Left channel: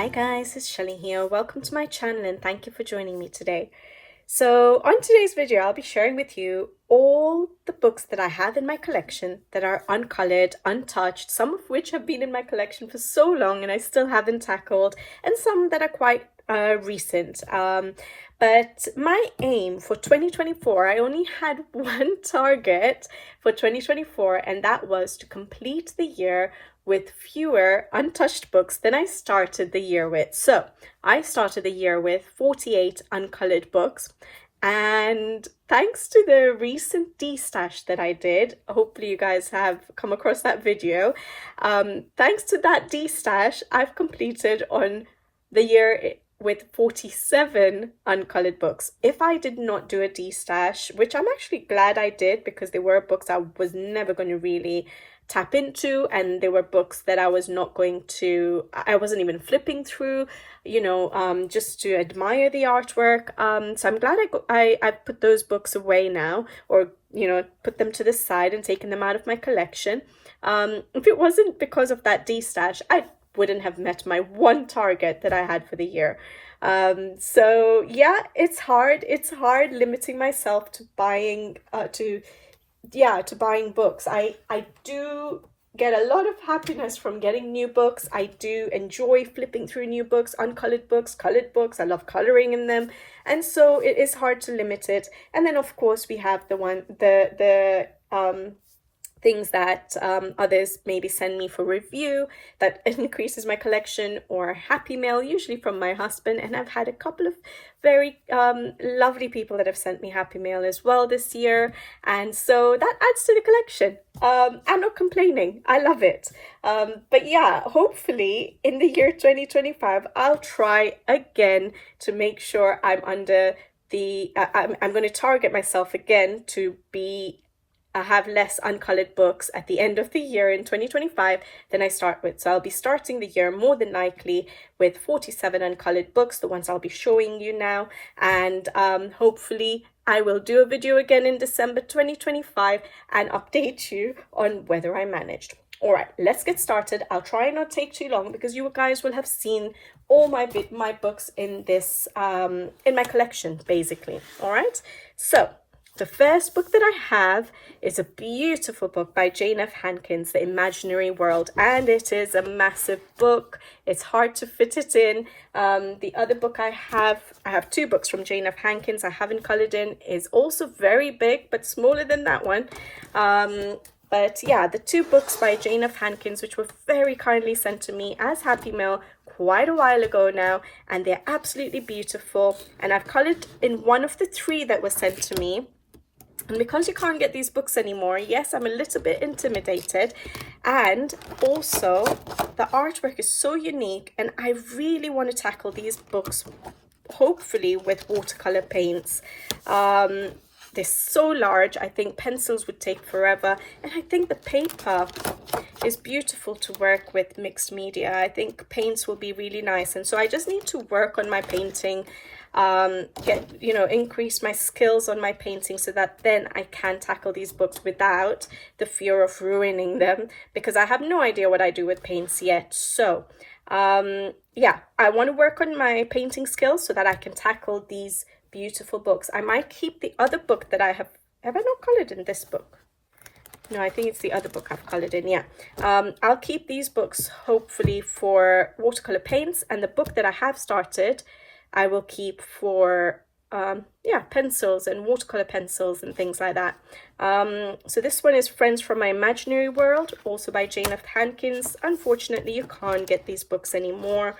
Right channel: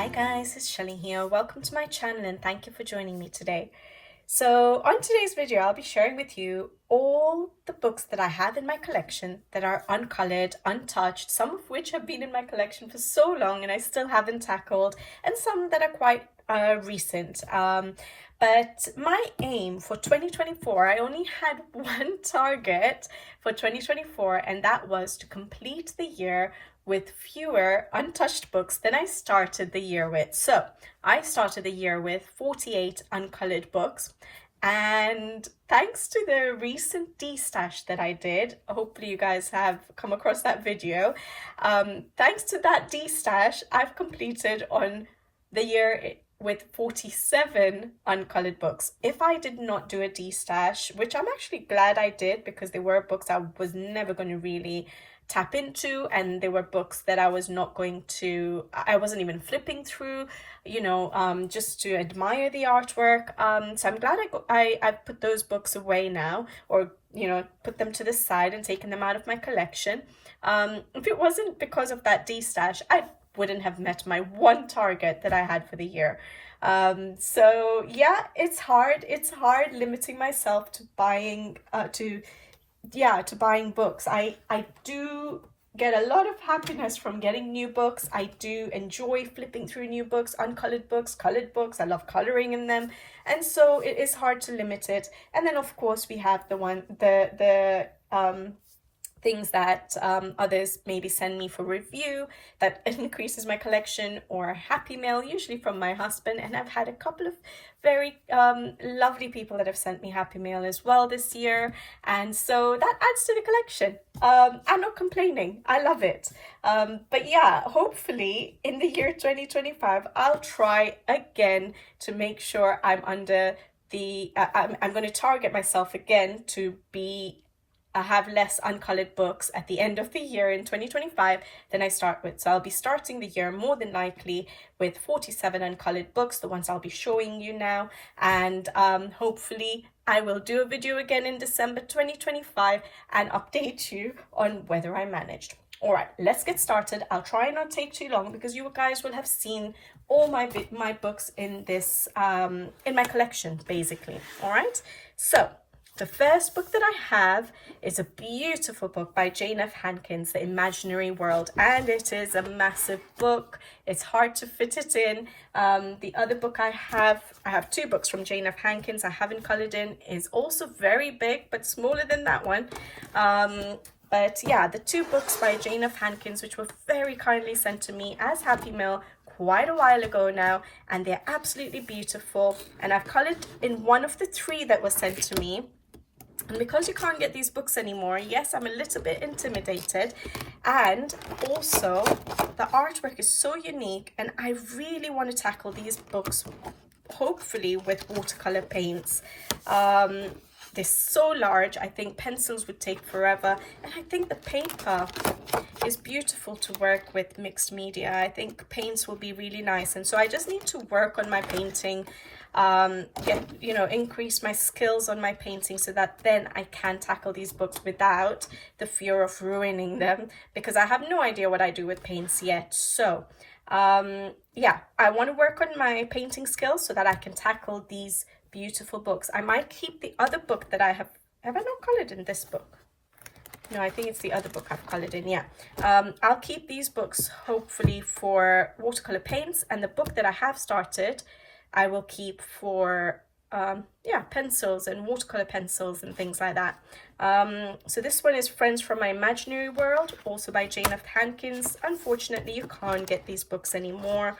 Hi guys, it's Shelly here. Welcome to my channel and thank you for joining me today. So on today's video, I'll be sharing with you all the books that I have in my collection that are uncolored, untouched, some of which have been in my collection for so long and I still haven't tackled, and some that are quite recent. But my aim for 2024, I only had one target for 2024, and that was to complete the year with fewer untouched books than I started the year with. So I started the year with 48 uncolored books, and thanks to the recent destash that I did, hopefully you guys have come across that video, thanks to that destash, I've completed on the year with 47 uncolored books. If I did not do a destash, which I'm actually glad I did, because they were books I was never going to really tap into, and they were books that I wasn't even flipping through, just to admire the artwork. So I'm glad I put those books away now, or put them to the side and taken them out of my collection. If it wasn't because of that destash, I wouldn't have met my one target that I had for the year. So yeah, it's hard limiting myself to buying buying books. I do get a lot of happiness from getting new books. I do enjoy flipping through new books, uncolored books, colored books. I love coloring in them, and so it is hard to limit it. And then of course we have the things that others maybe send me for review that increases my collection, or happy mail, usually from my husband. And I've had a couple of very lovely people that have sent me happy mail as well this year, and so that adds to the collection. I'm not complaining, I love it. But yeah, hopefully in the year 2025 I'll try again to make sure I'm under the I'm going to target myself again to be have less uncolored books at the end of the year in 2025 than I start with. So I'll be starting the year more than likely with 47 uncolored books, the ones I'll be showing you now, and hopefully I will do a video again in December 2025 and update you on whether I managed. All right, let's get started. I'll try not take too long because you guys will have seen all my books in this in my collection basically. All right, so the first book that I have is a beautiful book by Jane F. Henkins, The Imaginary World, and it is a massive book. It's hard to fit it in. The other book I have two books from Jane F. Henkins I haven't colored in, is also very big but smaller than that one. But yeah, the two books by Jane F. Henkins, which were very kindly sent to me as happy mail quite a while ago now, and they're absolutely beautiful. And I've colored in one of the three that was sent to me. And because you can't get these books anymore, yes, I'm a little bit intimidated. And also, the artwork is so unique, and I really want to tackle these books, hopefully with watercolor paints. They're so large, I think pencils would take forever. And I think the paper is beautiful to work with mixed media. I think paints will be really nice. And so I just need to work on my painting, increase my skills on my painting, so that then I can tackle these books without the fear of ruining them, because I have no idea what I do with paints yet. So yeah, I want to work on my painting skills so that I can tackle these beautiful books. I might keep the other book that I have I not colored in this book? No, I think it's the other book I've colored in. Yeah, I'll keep these books hopefully for watercolor paints, and the book that I have started I will keep for pencils and watercolor pencils and things like that. So this one is Friends from My Imaginary World, also by Jane F. Henkins. Unfortunately, you can't get these books anymore,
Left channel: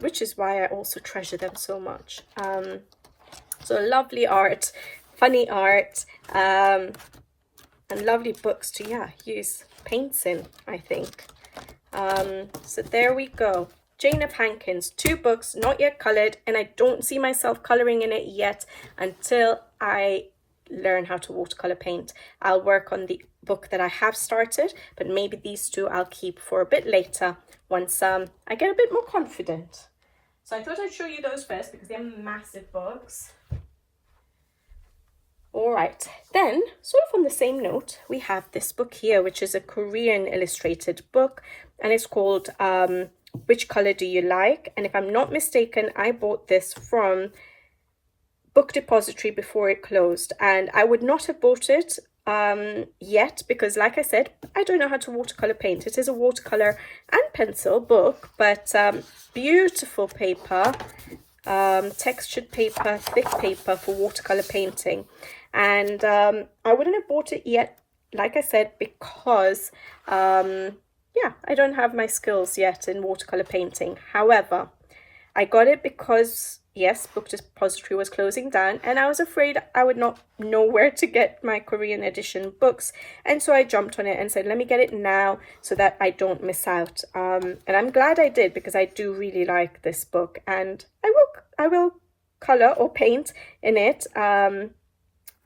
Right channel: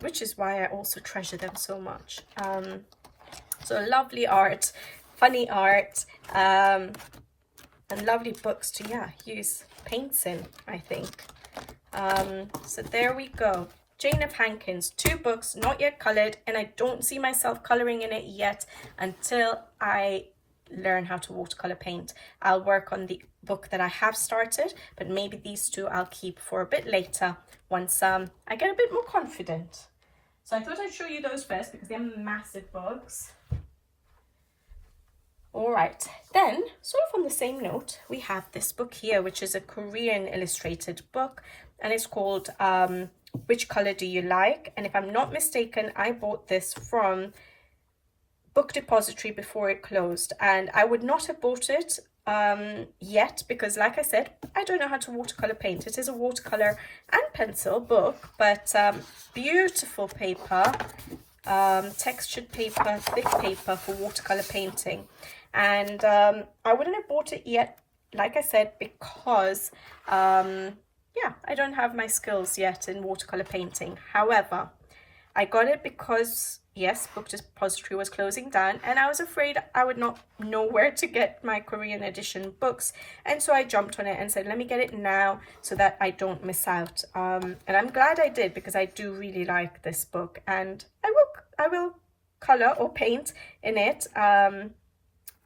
which is why I also treasure them so much. So lovely art, funny art, and lovely books to use paints in, I think. So there we go. Jane F. Henkins, two books, not yet colored, and I don't see myself coloring in it yet until I learn how to watercolor paint. I'll work on the book that I have started, but maybe these two I'll keep for a bit later once I get a bit more confident. So I thought I'd show you those first because they're massive books. All right, then sort of on the same note, we have this book here, which is a Korean illustrated book, and it's called Which Color Do You Like? And if I'm not mistaken, I bought this from Book Depository before it closed, and I would not have bought it yet because, like I said, I don't know how to watercolor paint. It is a watercolor and pencil book, but beautiful paper, textured paper, thick paper for watercolor painting. And I wouldn't have bought it yet, like I said, because yeah, I don't have my skills yet in watercolor painting. However, I got it because, yes, Book Depository was closing down, and I was afraid I would not know where to get my Korean edition books. And so I jumped on it and said, let me get it now so that I don't miss out. And I'm glad I did, because I do really like this book, and I will color or paint in it.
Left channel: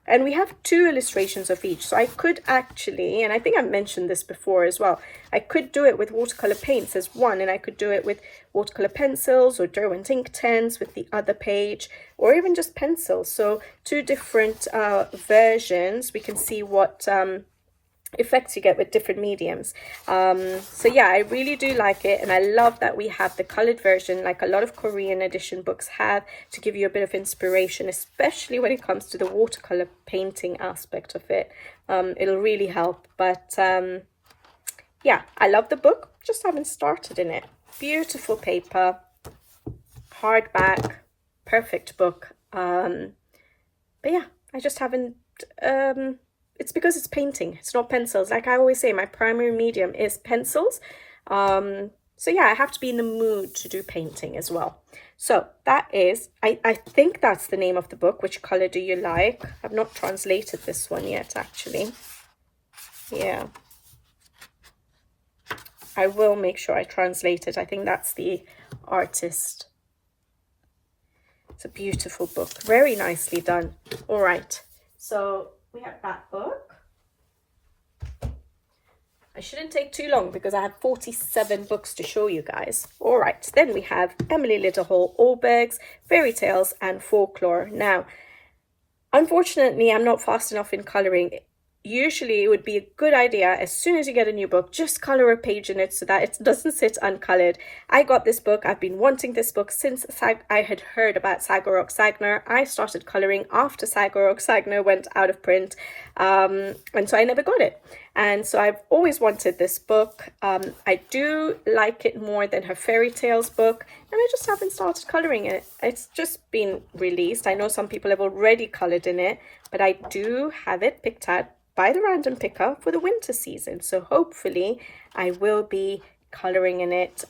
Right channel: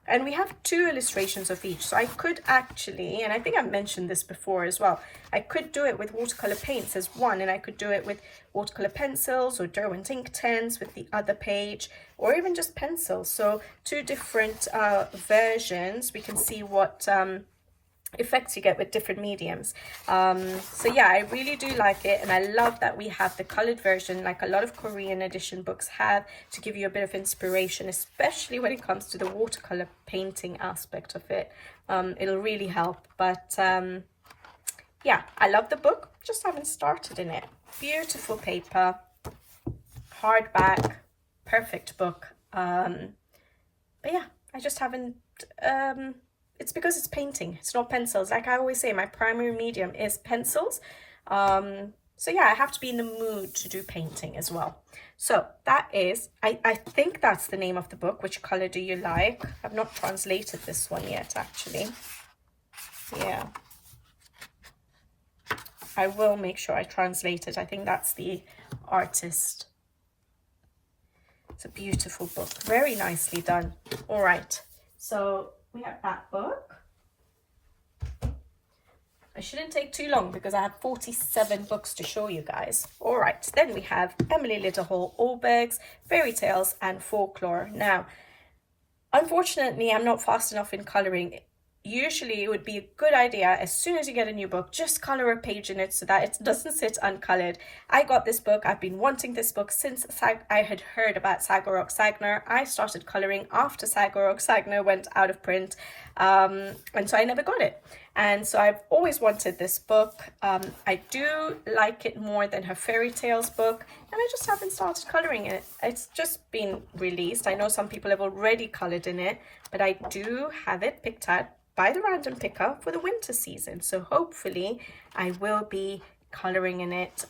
And we have 2 illustrations of each. So I could actually, and I think I've mentioned this before as well, I could do it with watercolor paints as one, and I could do it with watercolor pencils or Derwent ink pens with the other page, or even just pencils. So 2 different versions. We can see what effects you get with different mediums. So yeah, I really do like it, and I love that we have the colored version like a lot of Korean edition books have, to give you a bit of inspiration, especially when it comes to the watercolor painting aspect of it. It'll really help. But yeah, I love the book, just haven't started in it. Beautiful paper, hardback, perfect book. But yeah, I just haven't it's because it's painting, it's not pencils. Like I always say, my primary medium is pencils. So yeah, I have to be in the mood to do painting as well. So that is, I think that's the name of the book, Which Color Do You Like? I've not translated this one yet, actually. Yeah. I will make sure I translate it. I think that's the artist. It's a beautiful book, very nicely done. All right, so we have that book. I shouldn't take too long because I have 47 books to show you guys. All right, then we have Emily Littlehall Oberg's Fairy Tales and Folklore. Now, unfortunately, I'm not fast enough in colouring. Usually it would be a good idea, as soon as you get a new book, just colour a page in it so that it doesn't sit uncoloured. I got this book, I've been wanting this book since I had heard about Stagner. I started colouring after Stagner went out of print, and so I never got it. And so I've always wanted this book. I do like it more than her Fairy Tales book, and I just haven't started colouring it. It's just been released. I know some people have already coloured in it, but I do have it picked out by the random picker for the winter season. So hopefully I will be colouring in it,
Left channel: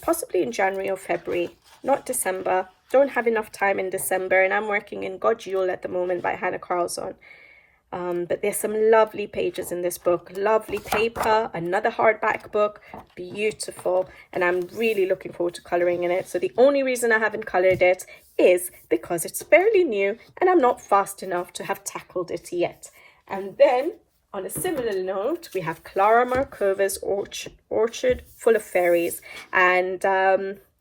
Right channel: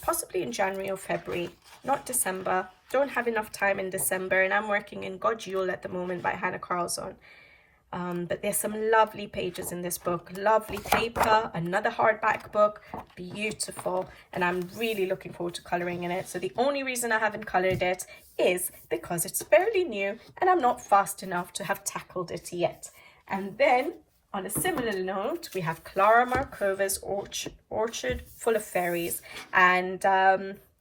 possibly in January or February, not December. Don't have enough time in December, and I'm working in God Yule at the moment by Hannah Carlson. But there's some lovely pages in this book, lovely paper, another hardback book, beautiful, and I'm really looking forward to colouring in it. So the only reason I haven't coloured it is because it's fairly new and I'm not fast enough to have tackled it yet. And then, on a similar note, we have Clara Markova's Orchard Full of Fairies. And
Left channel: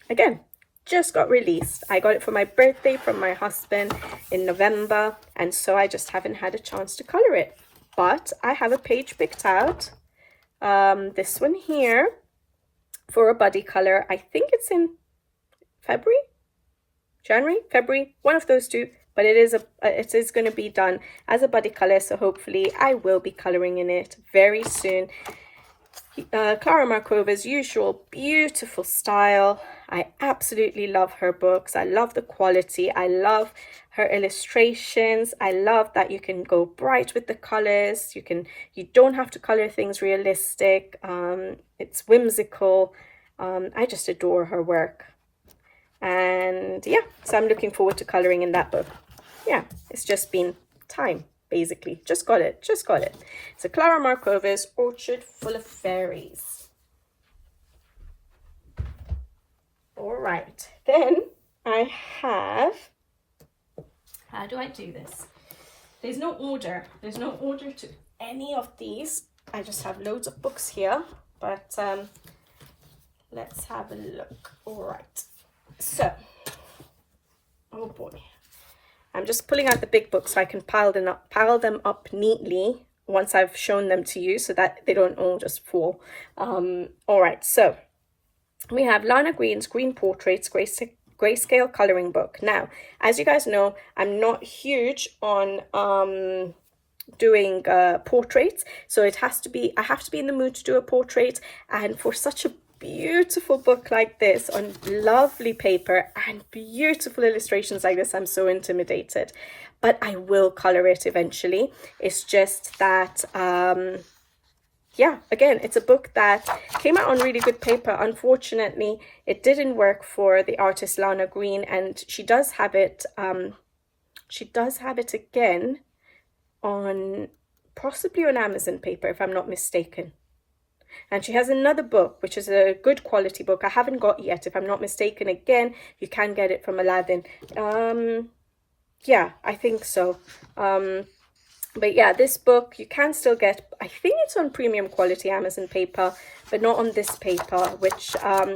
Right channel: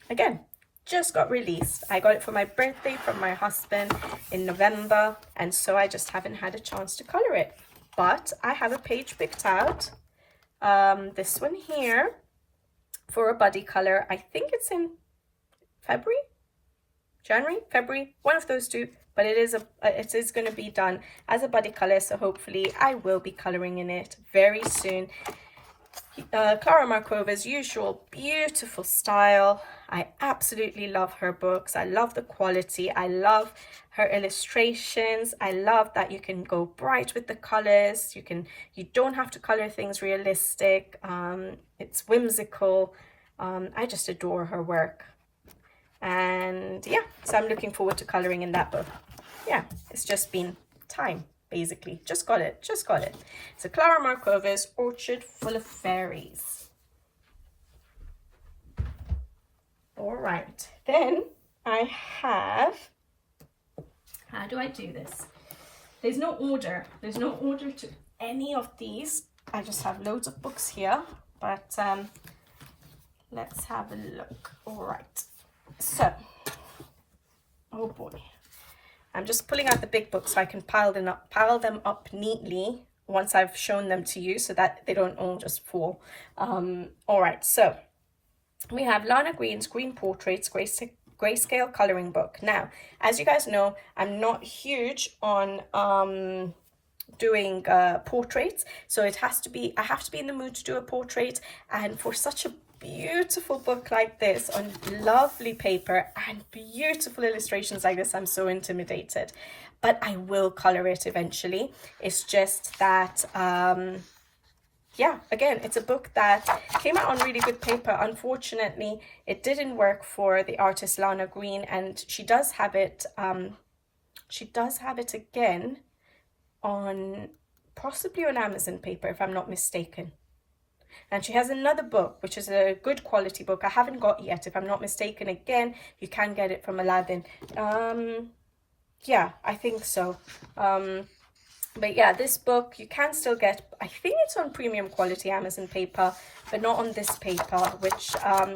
again, just got released. I got it for my birthday from my husband in November, and so I just haven't had a chance to colour it. But I have a page picked out. This one here for a buddy colour. I think it's in January, February, one of those two. But it is going to be done as a buddy colour, so hopefully I will be colouring in it very soon. Clara Markova's usual beautiful style. I absolutely love her books. I love the quality. I love her illustrations. I love that you can go bright with the colours. You don't have to colour things realistic. It's whimsical. I just adore her work. And yeah, so I'm looking forward to colouring in that book. Yeah, it's just been time, basically. Just got it. So Clara Markova's Orchard Full of Fairies. All right, then I have, how do I do this? There's no order to any of these. I just have loads of books here, but let's have a look. All right, so, oh boy. I'm just pulling out the big books so I can pile them up neatly once I've shown them to you so that they don't all just fall. All right, so we have Lana Green's Green Portraits Grayscale Colouring Book. Now, as you guys know, I'm not huge on doing portraits, so I have to be in the mood to do a portrait, and for such a beautiful book like this on lovely paper and beautiful illustrations like this, I'm so intimidated, but I will color it eventually. It's just that yeah, again, it's a book that came out on really good paper. Unfortunately, it didn't work for the artist Lana Green, and she does have it again on possibly on Amazon paper, if I'm not mistaken. And she has another book, which is a good quality book I haven't got yet, if I'm not mistaken. Again, you can get it from Aladdin. Yeah, I think so. But yeah, this book you can still get. I think it's on premium quality Amazon paper, but not on this paper, which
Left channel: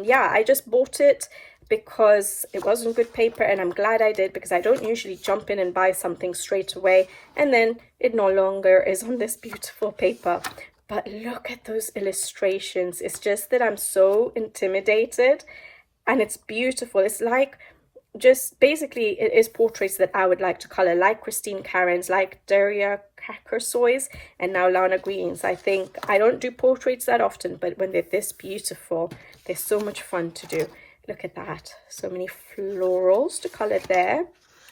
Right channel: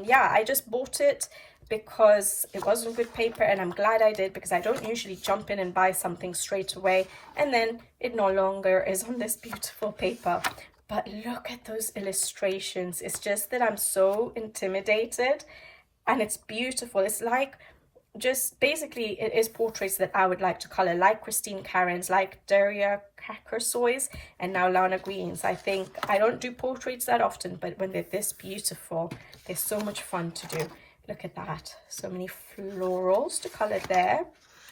yeah, I just bought it because it wasn't good paper, and I'm glad I did, because I don't usually jump in and buy something straight away and then it no longer is on this beautiful paper. But look at those illustrations. It's just that I'm so intimidated, and it's beautiful. It's like, just basically it is portraits that I would like to color, like Christine Karen's, like Daria Koru's, and now Lana Green's. I think I don't do portraits that often, but when they're this beautiful, they're so much fun to do. Look at that, so many florals to color there.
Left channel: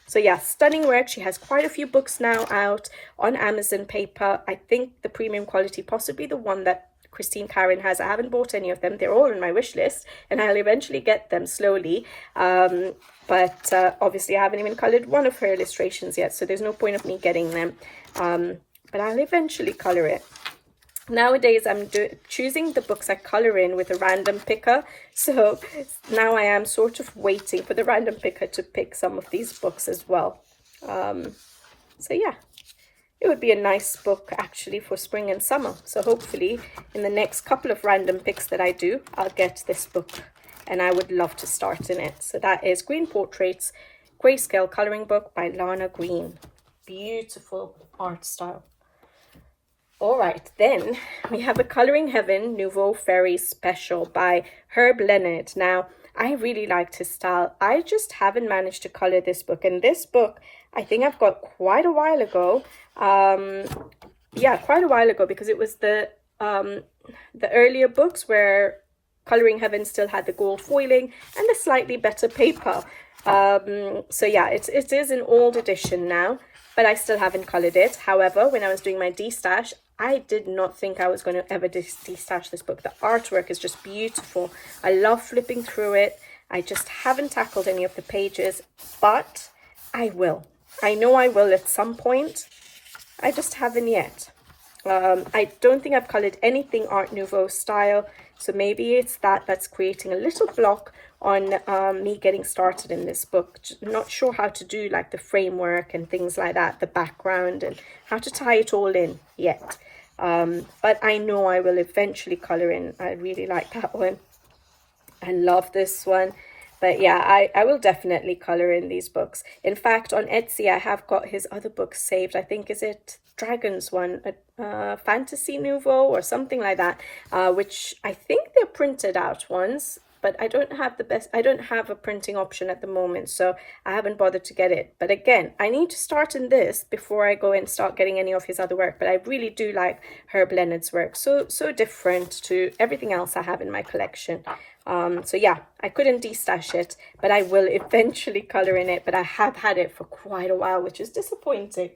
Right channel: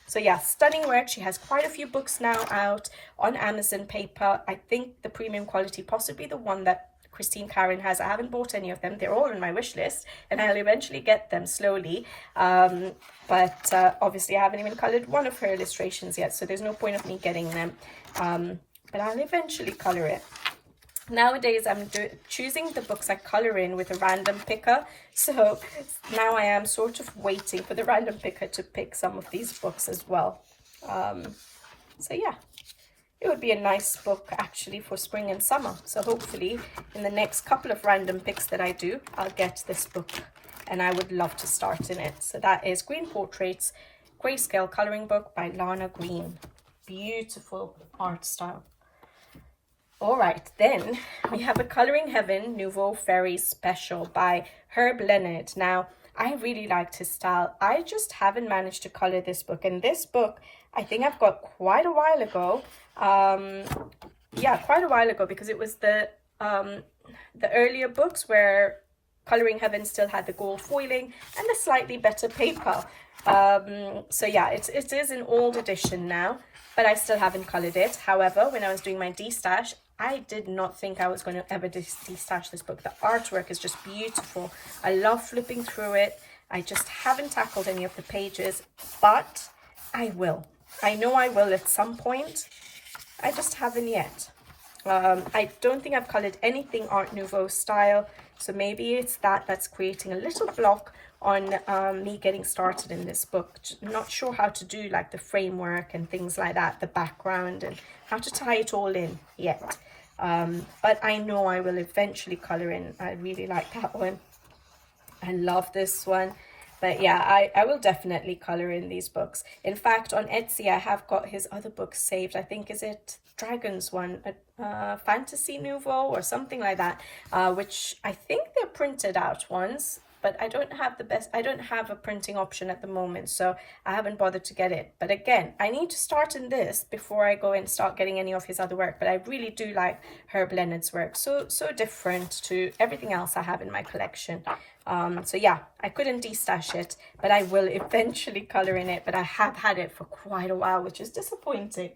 So yeah, stunning work. She has quite a few books now out on Amazon paper. I think the premium quality, possibly the one that Christine Karen has. I haven't bought any of them. They're all on my wish list, and I'll eventually get them slowly. But obviously I haven't even colored one of her illustrations yet, so there's no point of me getting them. But I'll eventually color it. Nowadays I'm choosing the books I color in with a random picker, so now I am sort of waiting for the random picker to pick some of these books as well. So yeah, it would be a nice book actually for spring and summer. So hopefully in the next couple of random picks that I do, I'll get this book, and I would love to start in it. So that is Green Portraits Grayscale Colouring Book by Lana Green. Beautiful art style. All right, then we have a Colouring Heaven Nouveau Fairies Special by Herb Leonard. Now, I really liked his style. I just haven't managed to colour this book. And this book, I think I've got quite a while ago. Yeah, quite a while ago, because it was the earlier books where Colouring Heaven still had the gold foiling and the slightly better paper. So yeah, it is an old edition now, but I still haven't coloured it. However, when I was doing my destash, I did not think I was going to ever destash this book. The artwork is just beautiful. I love flipping through it. I just haven't tackled any of the pages, but I will. I know I will at some point. I just haven't yet. I don't think I've coloured anything Art Nouveau style, so maybe it's that's creating a little block on me getting started in this book. I'm not sure how to do like the framework and things like that, the background, and how to tie it all in yet. But I know I will eventually colour in. I really like that one. I love this one. But yeah, I will definitely colour in these books. In fact, on Etsy, I have got his other books saved. I think, is it Dragons one, Fantasy Nouveau or something like that, which I think they're printed out ones, but I don't have a printing option at the moment, so I haven't bothered to get it. But again, I need to start in this before I go and start getting any of his other work. But I really do like Herb Leonard's work. So different to everything else I have in my collection. So yeah, I couldn't destash it, but I will eventually colour in it. But I have had it for quite a while, which is disappointing.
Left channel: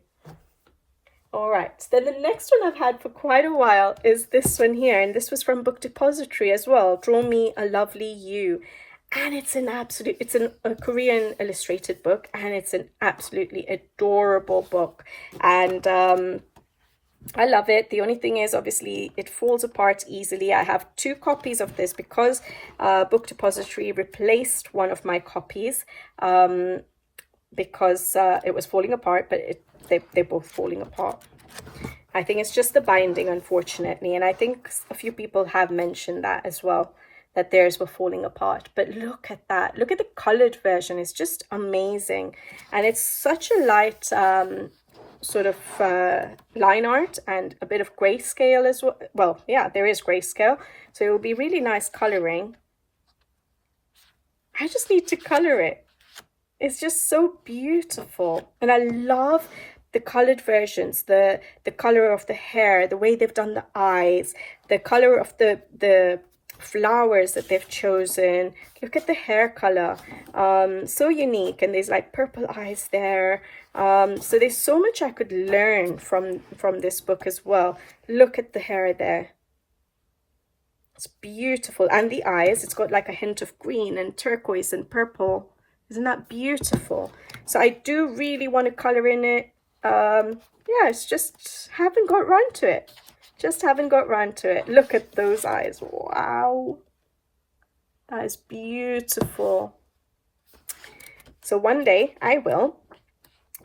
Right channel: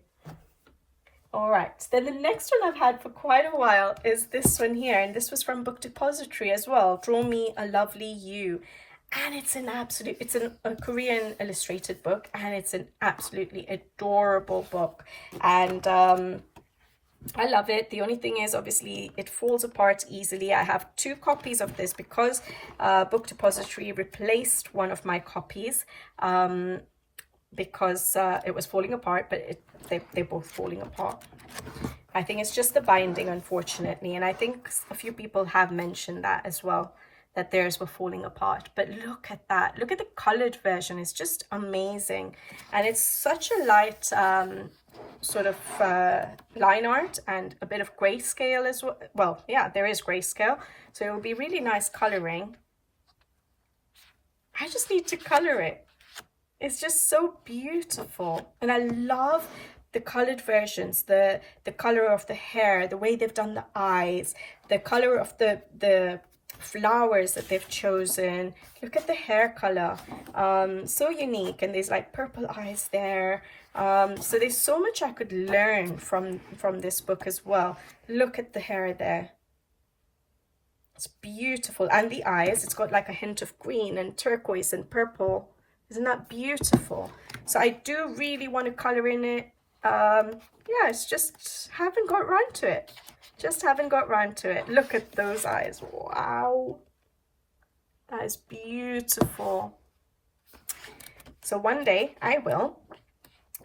All right, then the next one I've had for quite a while is this one here, and this was from Book Depository as well. Draw Me a Lovely You, and it's a Korean illustrated book, and it's an absolutely adorable book, and I love it. The only thing is, obviously, it falls apart easily. I have 2 copies of this because Book Depository replaced one of my copies because it was falling apart, but they're both falling apart. I think it's just the binding, unfortunately, and I think a few people have mentioned that as well, that theirs were falling apart. But look at that. Look at the coloured version. It's just amazing, and it's such a light sort of line art and a bit of grayscale as well. Well, yeah, there is grayscale, so it will be really nice colouring. I just need to color it. It's just so beautiful. And I love the colored versions, the color of the hair, the way they've done the eyes, the color of the flowers that they've chosen. Look at the hair color, so unique. And there's like purple eyes there. So there's so much I could learn from this book as well. Look at the hair there. It's beautiful. And the eyes, it's got like a hint of green and turquoise and purple. Isn't that beautiful? So I do really want to color in it. Yeah, it's just haven't got round to it. Just haven't got round to it. Look at those eyes. Wow. That is beautiful. So one day I will.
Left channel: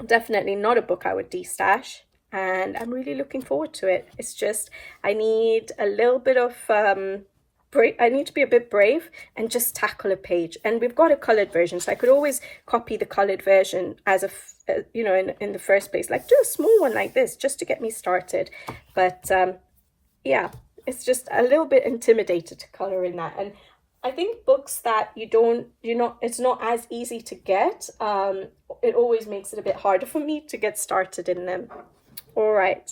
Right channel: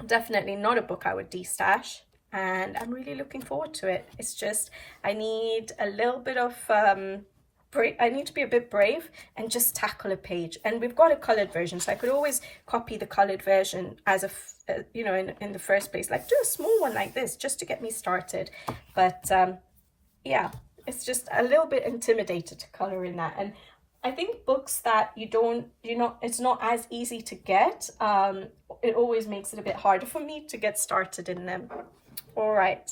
Definitely not a book I would destash. And I'm really looking forward to it. It's just, I need a little bit of, I need to be a bit brave and just tackle a page. And we've got a colored version, so I could always copy the colored version as a, you know, in the first place, like do a small one like this just to get me started. But yeah, it's just a little bit intimidated to color in that. And I think books that it's not as easy to get, it always makes it a bit harder for me to get started in them. All right,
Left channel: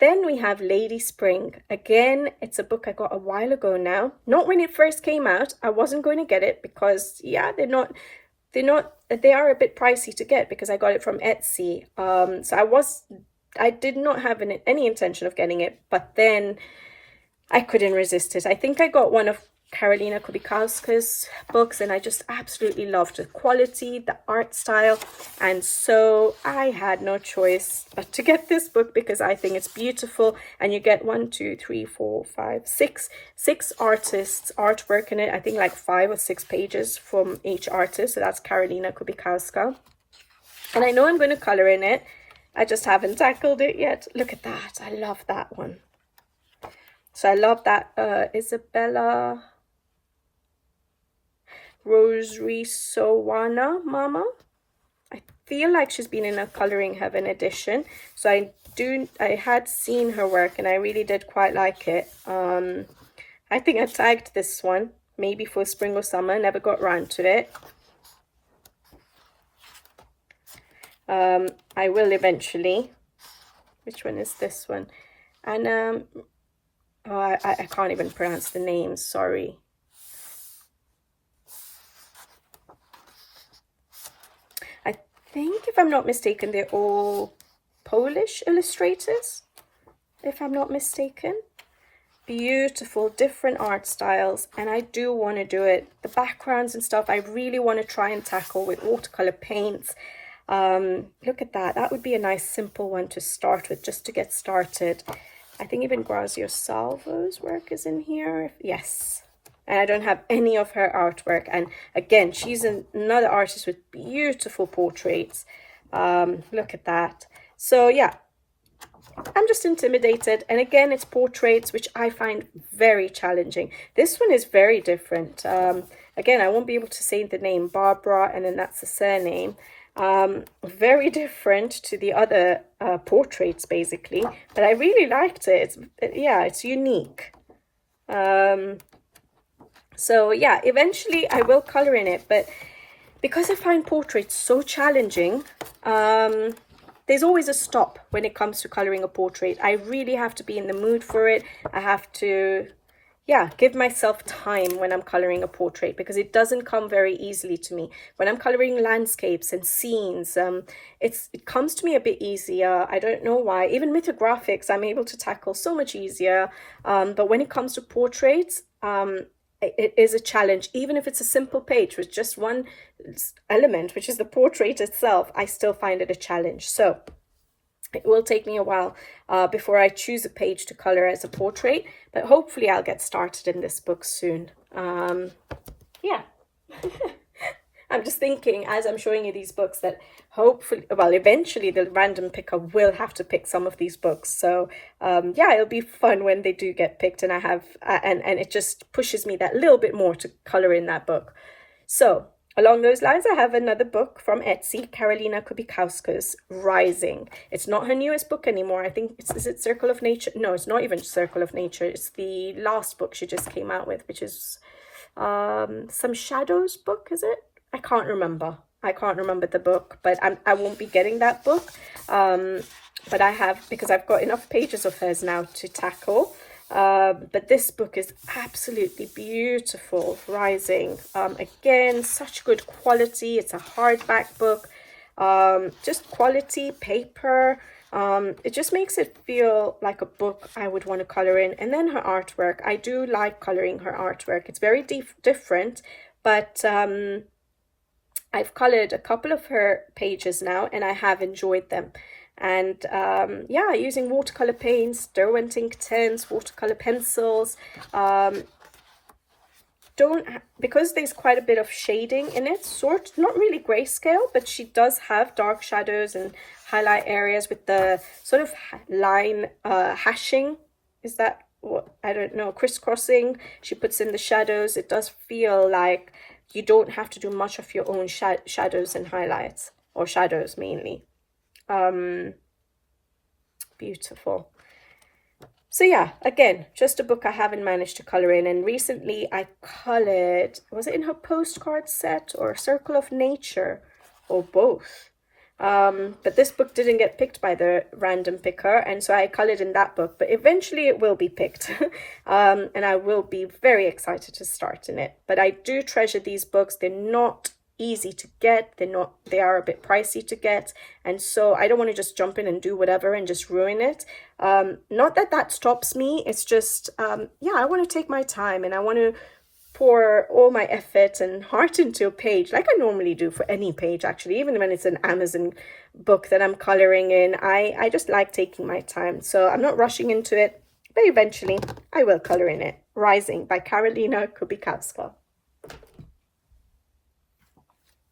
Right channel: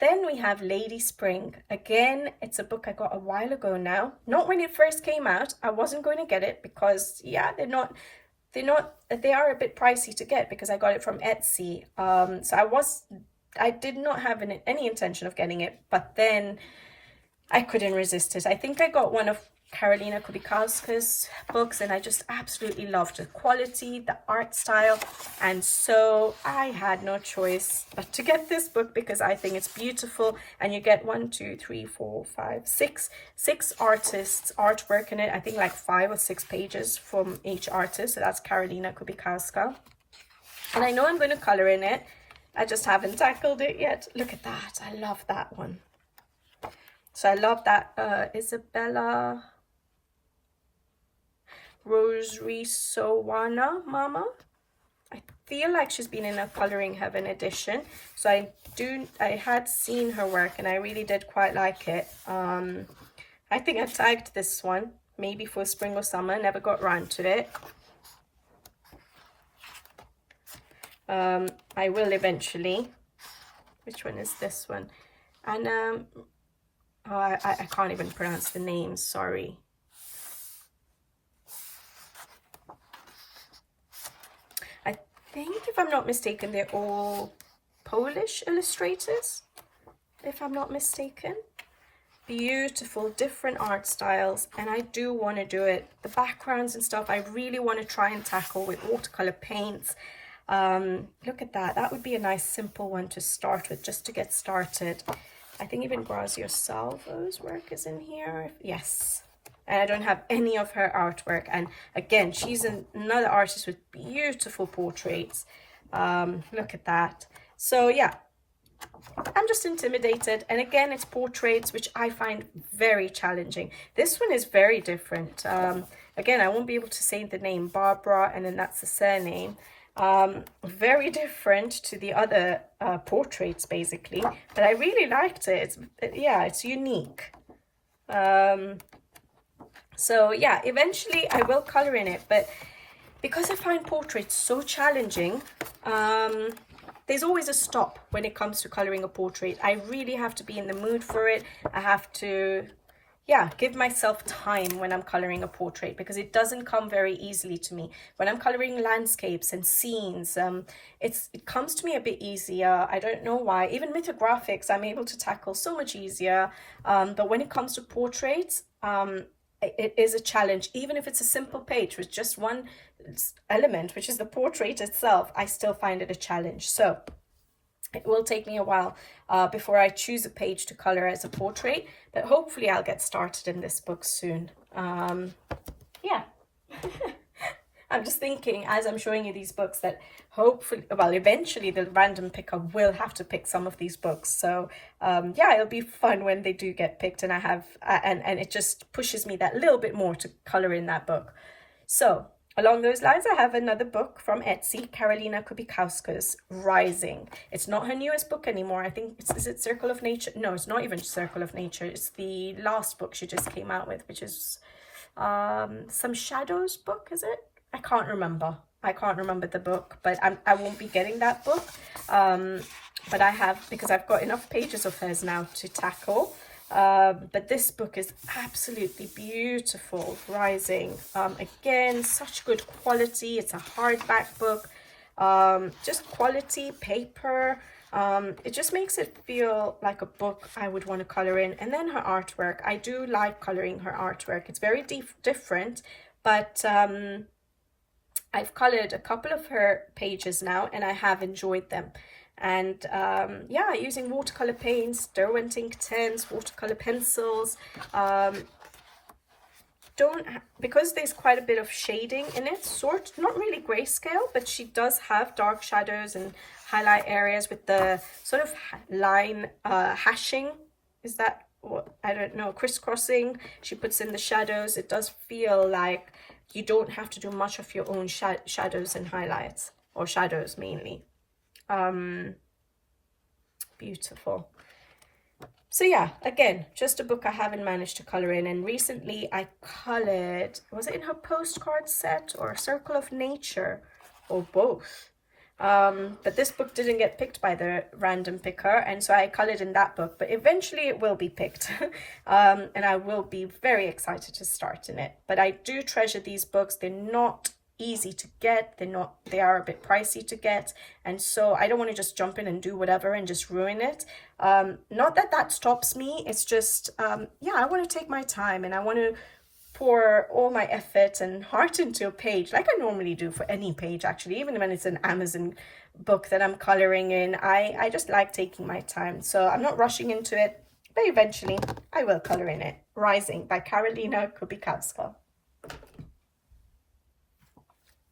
then we have Lady Spring. Again, it's a book I got a while ago now. Not when it first came out. I wasn't going to get it because, yeah, they are a bit pricey to get because I got it from Etsy. So I did not have any intention of getting it, but then I couldn't resist it. I think I got one of Karolina Kubikowska's books, and I just absolutely loved the quality, the art style, and so I had no choice but to get this book because I think it's beautiful. And you get 6 artists' artwork in it. I think like 5 or 6 pages from each artist. So that's Karolina Kubikowska, and I know I'm going to color in it. I just haven't tackled it yet. Look at that. I love that one. So I love that Isabella Rosary Sowana Mama. I feel like she's been in a Coloring Heaven edition. So I had seen her work and I really did quite like it. I think I tagged this one maybe for spring or summer, never got around to it. I will eventually. Which one is this one? And I can't even pronounce the names, sorry. I think, if I'm not mistaken, they're all Polish illustrators, if I'm not mistaken. Beautiful, different art styles, and I do want to do it. The backgrounds and stuff, I really want to try and tackle with watercolor paints. Look at that. That would be a nice simple one to start with, just to get started. I think even Grazia Salvo's work is in here. Yes. And I don't have any of her artwork. And again, she's another artist with beautiful portraits. Look at that. So yeah, I'm just intimidated. And again, it's portraits, which I find very challenging. This one is very different. Again, I won't be able to say the name, Barbara, and then that's the surname. Very different to the other portraits, basically, but I really liked it. It's unique. So yeah, eventually I will color in it, but because I find portraits so challenging, there's always a stop when it comes to coloring a portrait. I really have to be in the mood for it. I have to give myself time when I'm coloring a portrait, because it doesn't come very easily to me. When I'm coloring landscapes and scenes, it comes to me a bit easier. I don't know why. Even mythographics, I'm able to tackle so much easier. But when it comes to portraits, it is a challenge. Even if it's a simple page with just one element, which is the portrait itself, I still find it a challenge. So it will take me a while before I choose a page to color as a portrait, but hopefully I'll get started in this book soon. Yeah. I'm just thinking, as I'm showing you these books, that hopefully, well, eventually the random picker will have to pick some of these books. So yeah, it'll be fun when they do get picked, and I have, and it just pushes me that little bit more to color in that book. So along those lines, I have another book from Etsy, Karolina Kubikowska's Rising. It's not her newest book anymore. I think, is it Circle of Nature? No, it's not even Circle of Nature. It's the last book she just came out with, which is, Some Shadows book, is it? I can't remember. I can't remember the book, but I won't be getting that book. But I have, because I've got enough pages of hers now to tackle. But this book is absolutely beautiful, Rising. Again, such good quality. It's a hardback book. Just quality paper. It just makes it feel like a book I would want to color in. And then her artwork. I do like coloring her artwork. It's very different, but I've colored a couple of her pages now, and I have enjoyed them. And yeah, using watercolor paints, Derwent ink tents, watercolor pencils. Because there's quite a bit of shading in it, not really grayscale, but she does have dark shadows and highlight areas with the sort of line hashing. Is that what? I don't know, crisscrossing. She puts in the shadows. It does feel like you don't have to do much of your own shadows and highlights, or shadows mainly. Beautiful. So yeah, again, just a book I haven't managed to color in. And recently I colored, was it in her postcard set or Circle of Nature, or both? But this book didn't get picked by the random picker, and so I colored in that book, but eventually it will be picked. And I will be very excited to start in it. But I do treasure these books. They're not easy to get. They are a bit pricey to get, and so I don't want to just jump in and do whatever and just ruin it. Not that stops me. It's just yeah, I want to take my time, and I want to pour all my effort and heart into a page, like I normally do for any page, actually, even when it's an Amazon book that I'm coloring in. I just like taking my time, so I'm not rushing into it, but eventually I will color in it. Rising by Karolina Kubikowska.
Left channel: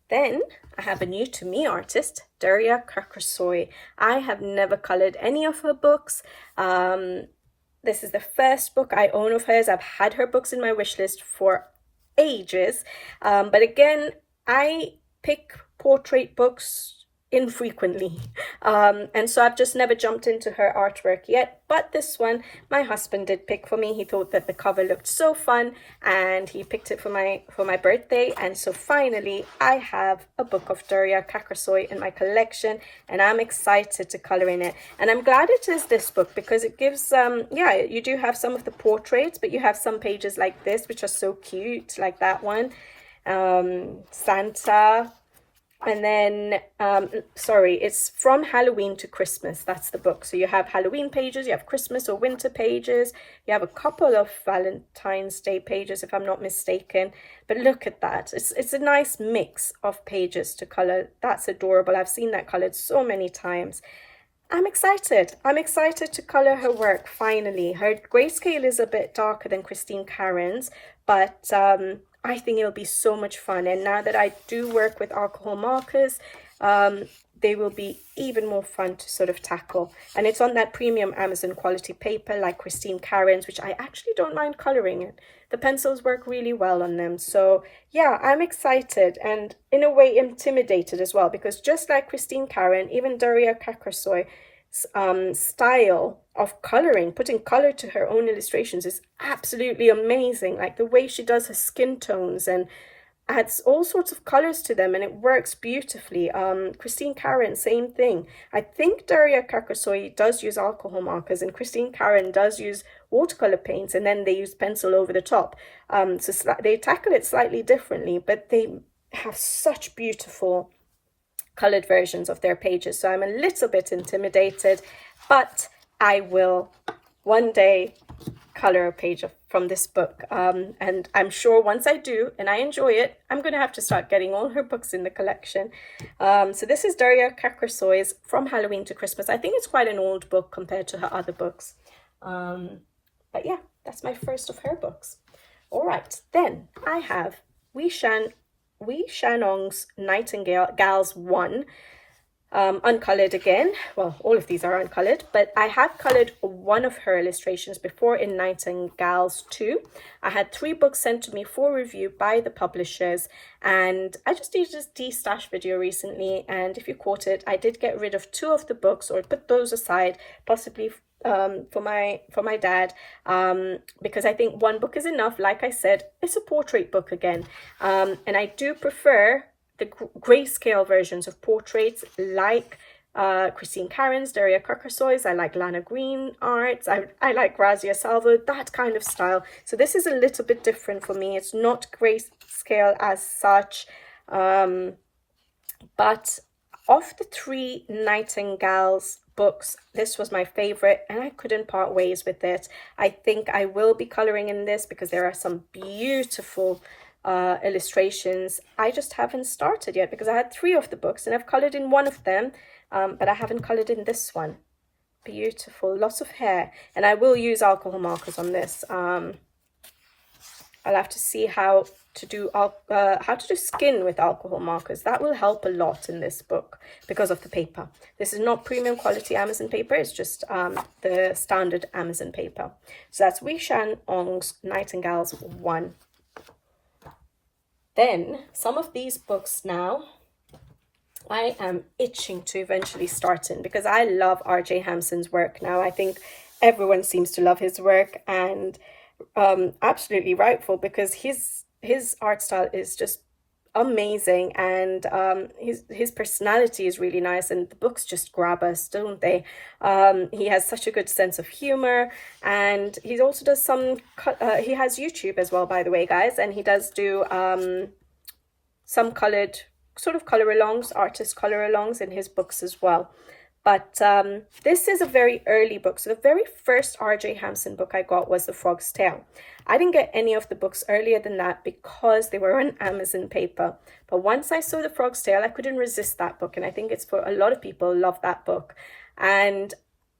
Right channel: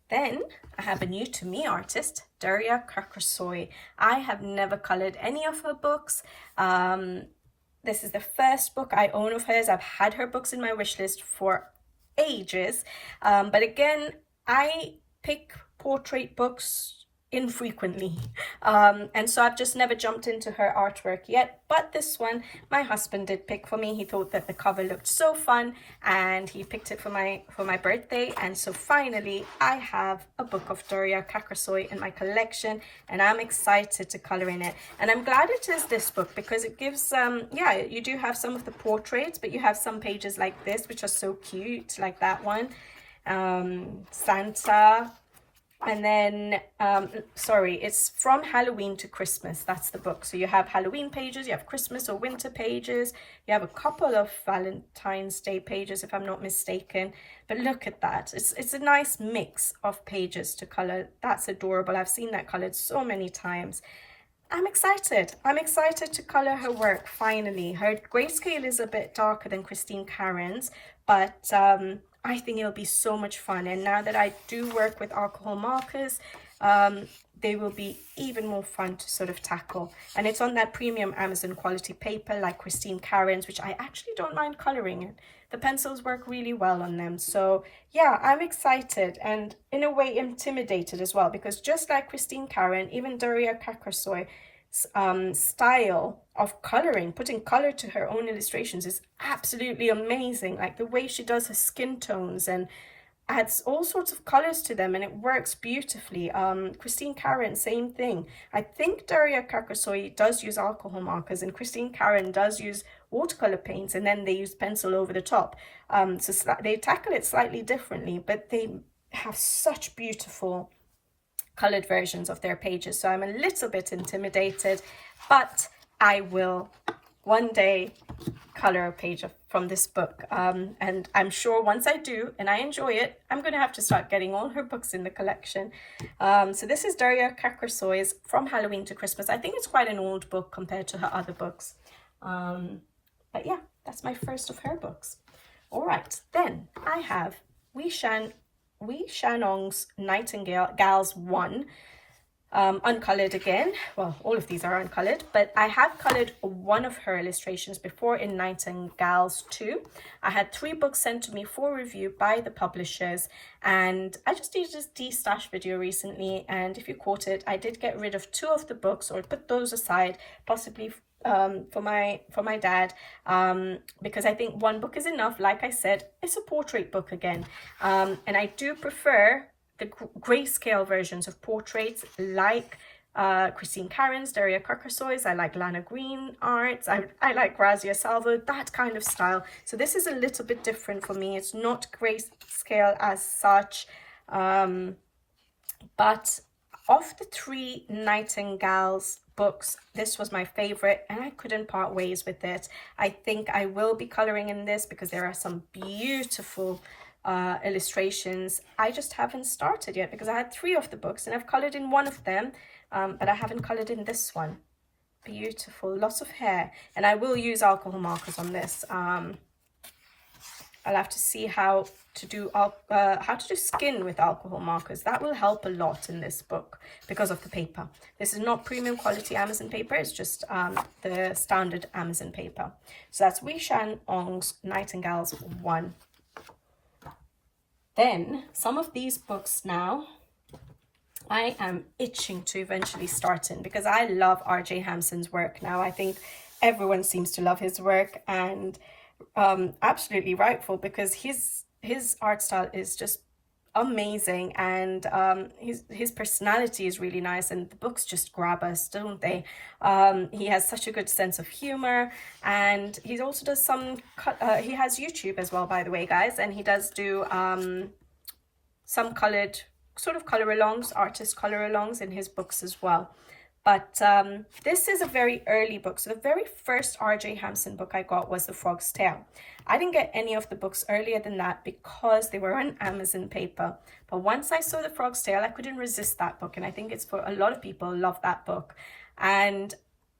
Then I have a new to me artist, Daria Koru. I have never colored any of her books. This is the first book I own of hers. I've had her books in my wish list for ages. But again, I pick portrait books infrequently. And so I've just never jumped into her artwork yet. But this one, my husband did pick for me. He thought that the cover looked so fun, and he picked it for my birthday. And so finally, I have a book of Daria Koru in my collection, and I'm excited to color in it. And I'm glad it is this book, because it gives, yeah, you do have some of the portraits, but you have some pages like this, which are so cute, like that one. Santa. And then, sorry, it's from Halloween to Christmas. That's the book. So you have Halloween pages, you have Christmas or winter pages, you have a couple of Valentine's Day pages, if I'm not mistaken. But look at that. It's a nice mix of pages to color. That's adorable. I've seen that colored so many times. I'm excited. I'm excited to color her work, finally. Her grayscale is a bit darker than Christine Karen's, but I think it'll be so much fun. And now that I do work with alcohol markers, they will be even more fun to sort of tackle. And it's on that premium Amazon quality paper like Christine Karen's, which I actually don't mind coloring in. The pencils work really well on them. So yeah, I'm excited and in a way intimidated as well, because just like Christine Karen, even Daria Koru style of coloring, putting color to her own illustrations is absolutely amazing. Like the way she does her skin tones and adds all sorts of colors to them, and it works beautifully. Christine Karen, same thing. I think Daria Koru does use alcohol markers, and Christine Karen does use watercolor paints, and then they use pencil over the top. So they tackle it slightly differently, but they have such beautiful colored versions of their pages. So I'm a little bit intimidated, but I will one day color a page from this book. And I'm sure once I do and I enjoy it, I'm going to have to start getting all her books in the collection. So this is Daria Koru's From Halloween to Christmas. I think it's quite an old book compared to her other books. But yeah, that's my first of her books. All right, then I have Wishan On's Nightingales 1, uncolored again. Well, all of these are uncolored, but I have colored one of her illustrations before in Nightingales 2. I had 3 books sent to me for review by the publishers, and I just did a de-stash video recently, and if you caught it, I did get rid of 2 of the books, or put those aside, possibly for my dad, because I think one book is enough. Like I said, it's a portrait book again, and I do prefer the grayscale versions of portraits, like Christine Karen's, Daria Koru's. I like Lana Green arts. I like Grazia Salvo, that kind of style. So this is a little bit different for me. It's not grayscale as such, but of the three Nightingales books, this was my favorite, and I couldn't part ways with it. I think I will be coloring in this because there are some beautiful illustrations. I just haven't started yet because I had 3 of the books and I've colored in one of them, but I haven't colored in this one. Beautiful, lots of hair, and I will use alcohol markers on this. I'll have to see how to do skin with alcohol markers. That will help a lot in this book because of the paper. This is not premium quality Amazon paper, it's just the standard Amazon paper. So that's Wishan On's Nightingales 1. Then some of these books now I am itching to eventually start in, because I love R.J. Hampson's work now. I think everyone seems to love his work, and absolutely rightful, because his art style is just amazing, and his personality is really nice, and the books just grab us, don't they? He has such a good sense of humor, and he also does some he has YouTube as well, by the way, guys, and he does do some colored sort of color alongs, artist color alongs in his books as well. But this is a very early book. So the very first R.J. Hampson book I got was The Frog's Tale. I didn't get any of the books earlier than that because they were on Amazon paper. But once I saw The Frog's Tale, I couldn't resist that book. And I think it's for a lot of people love that book. And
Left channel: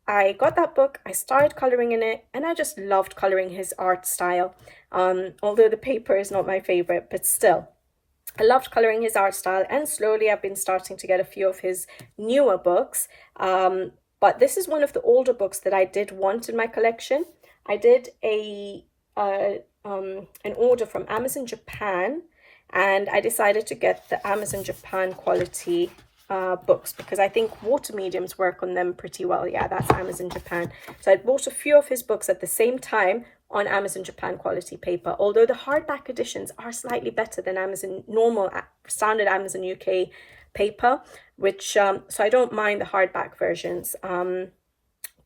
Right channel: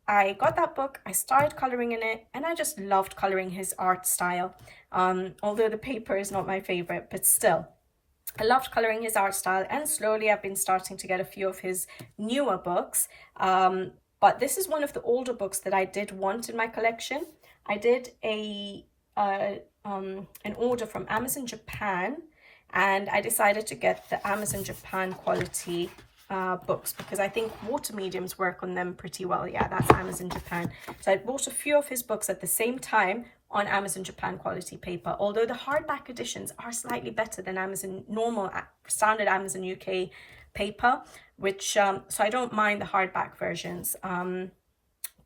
I got that book, I started coloring in it, and I just loved coloring his art style. Although the paper is not my favorite, but still. I loved coloring his art style, and slowly I've been starting to get a few of his newer books. But this is one of the older books that I did want in my collection. I did an order from Amazon Japan, and I decided to get the Amazon Japan quality books because I think water mediums work on them pretty well. Yeah, that's Amazon Japan. So I bought a few of his books at the same time on Amazon Japan quality paper, although the hardback editions are slightly better than Amazon normal standard Amazon UK paper, which so I don't mind the hardback versions.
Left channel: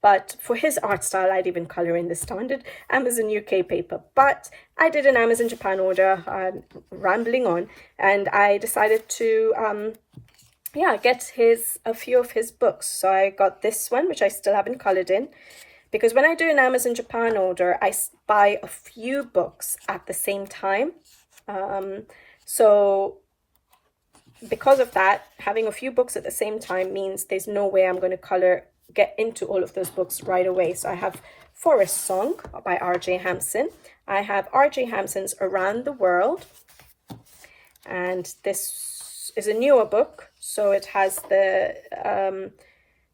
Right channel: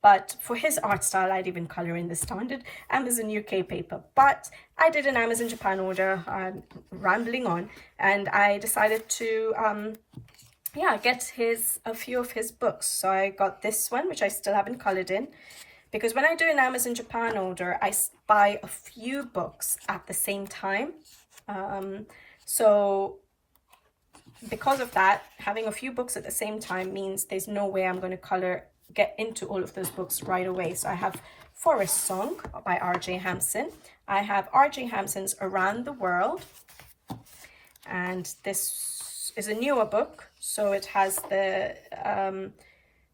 But for his art style, I'd even color in the standard Amazon UK paper. But I did an Amazon Japan order, rambling on, and I decided to get a few of his books. So I got this one, which I still haven't colored in, because when I do an Amazon Japan order, I buy a few books at the same time. So because of that, having a few books at the same time means there's no way I'm going to get into all of those books right away. So I have Forest Song by R.J. Hampson. I have R.J. Hampson's Around the World. And this is a newer book, so it has the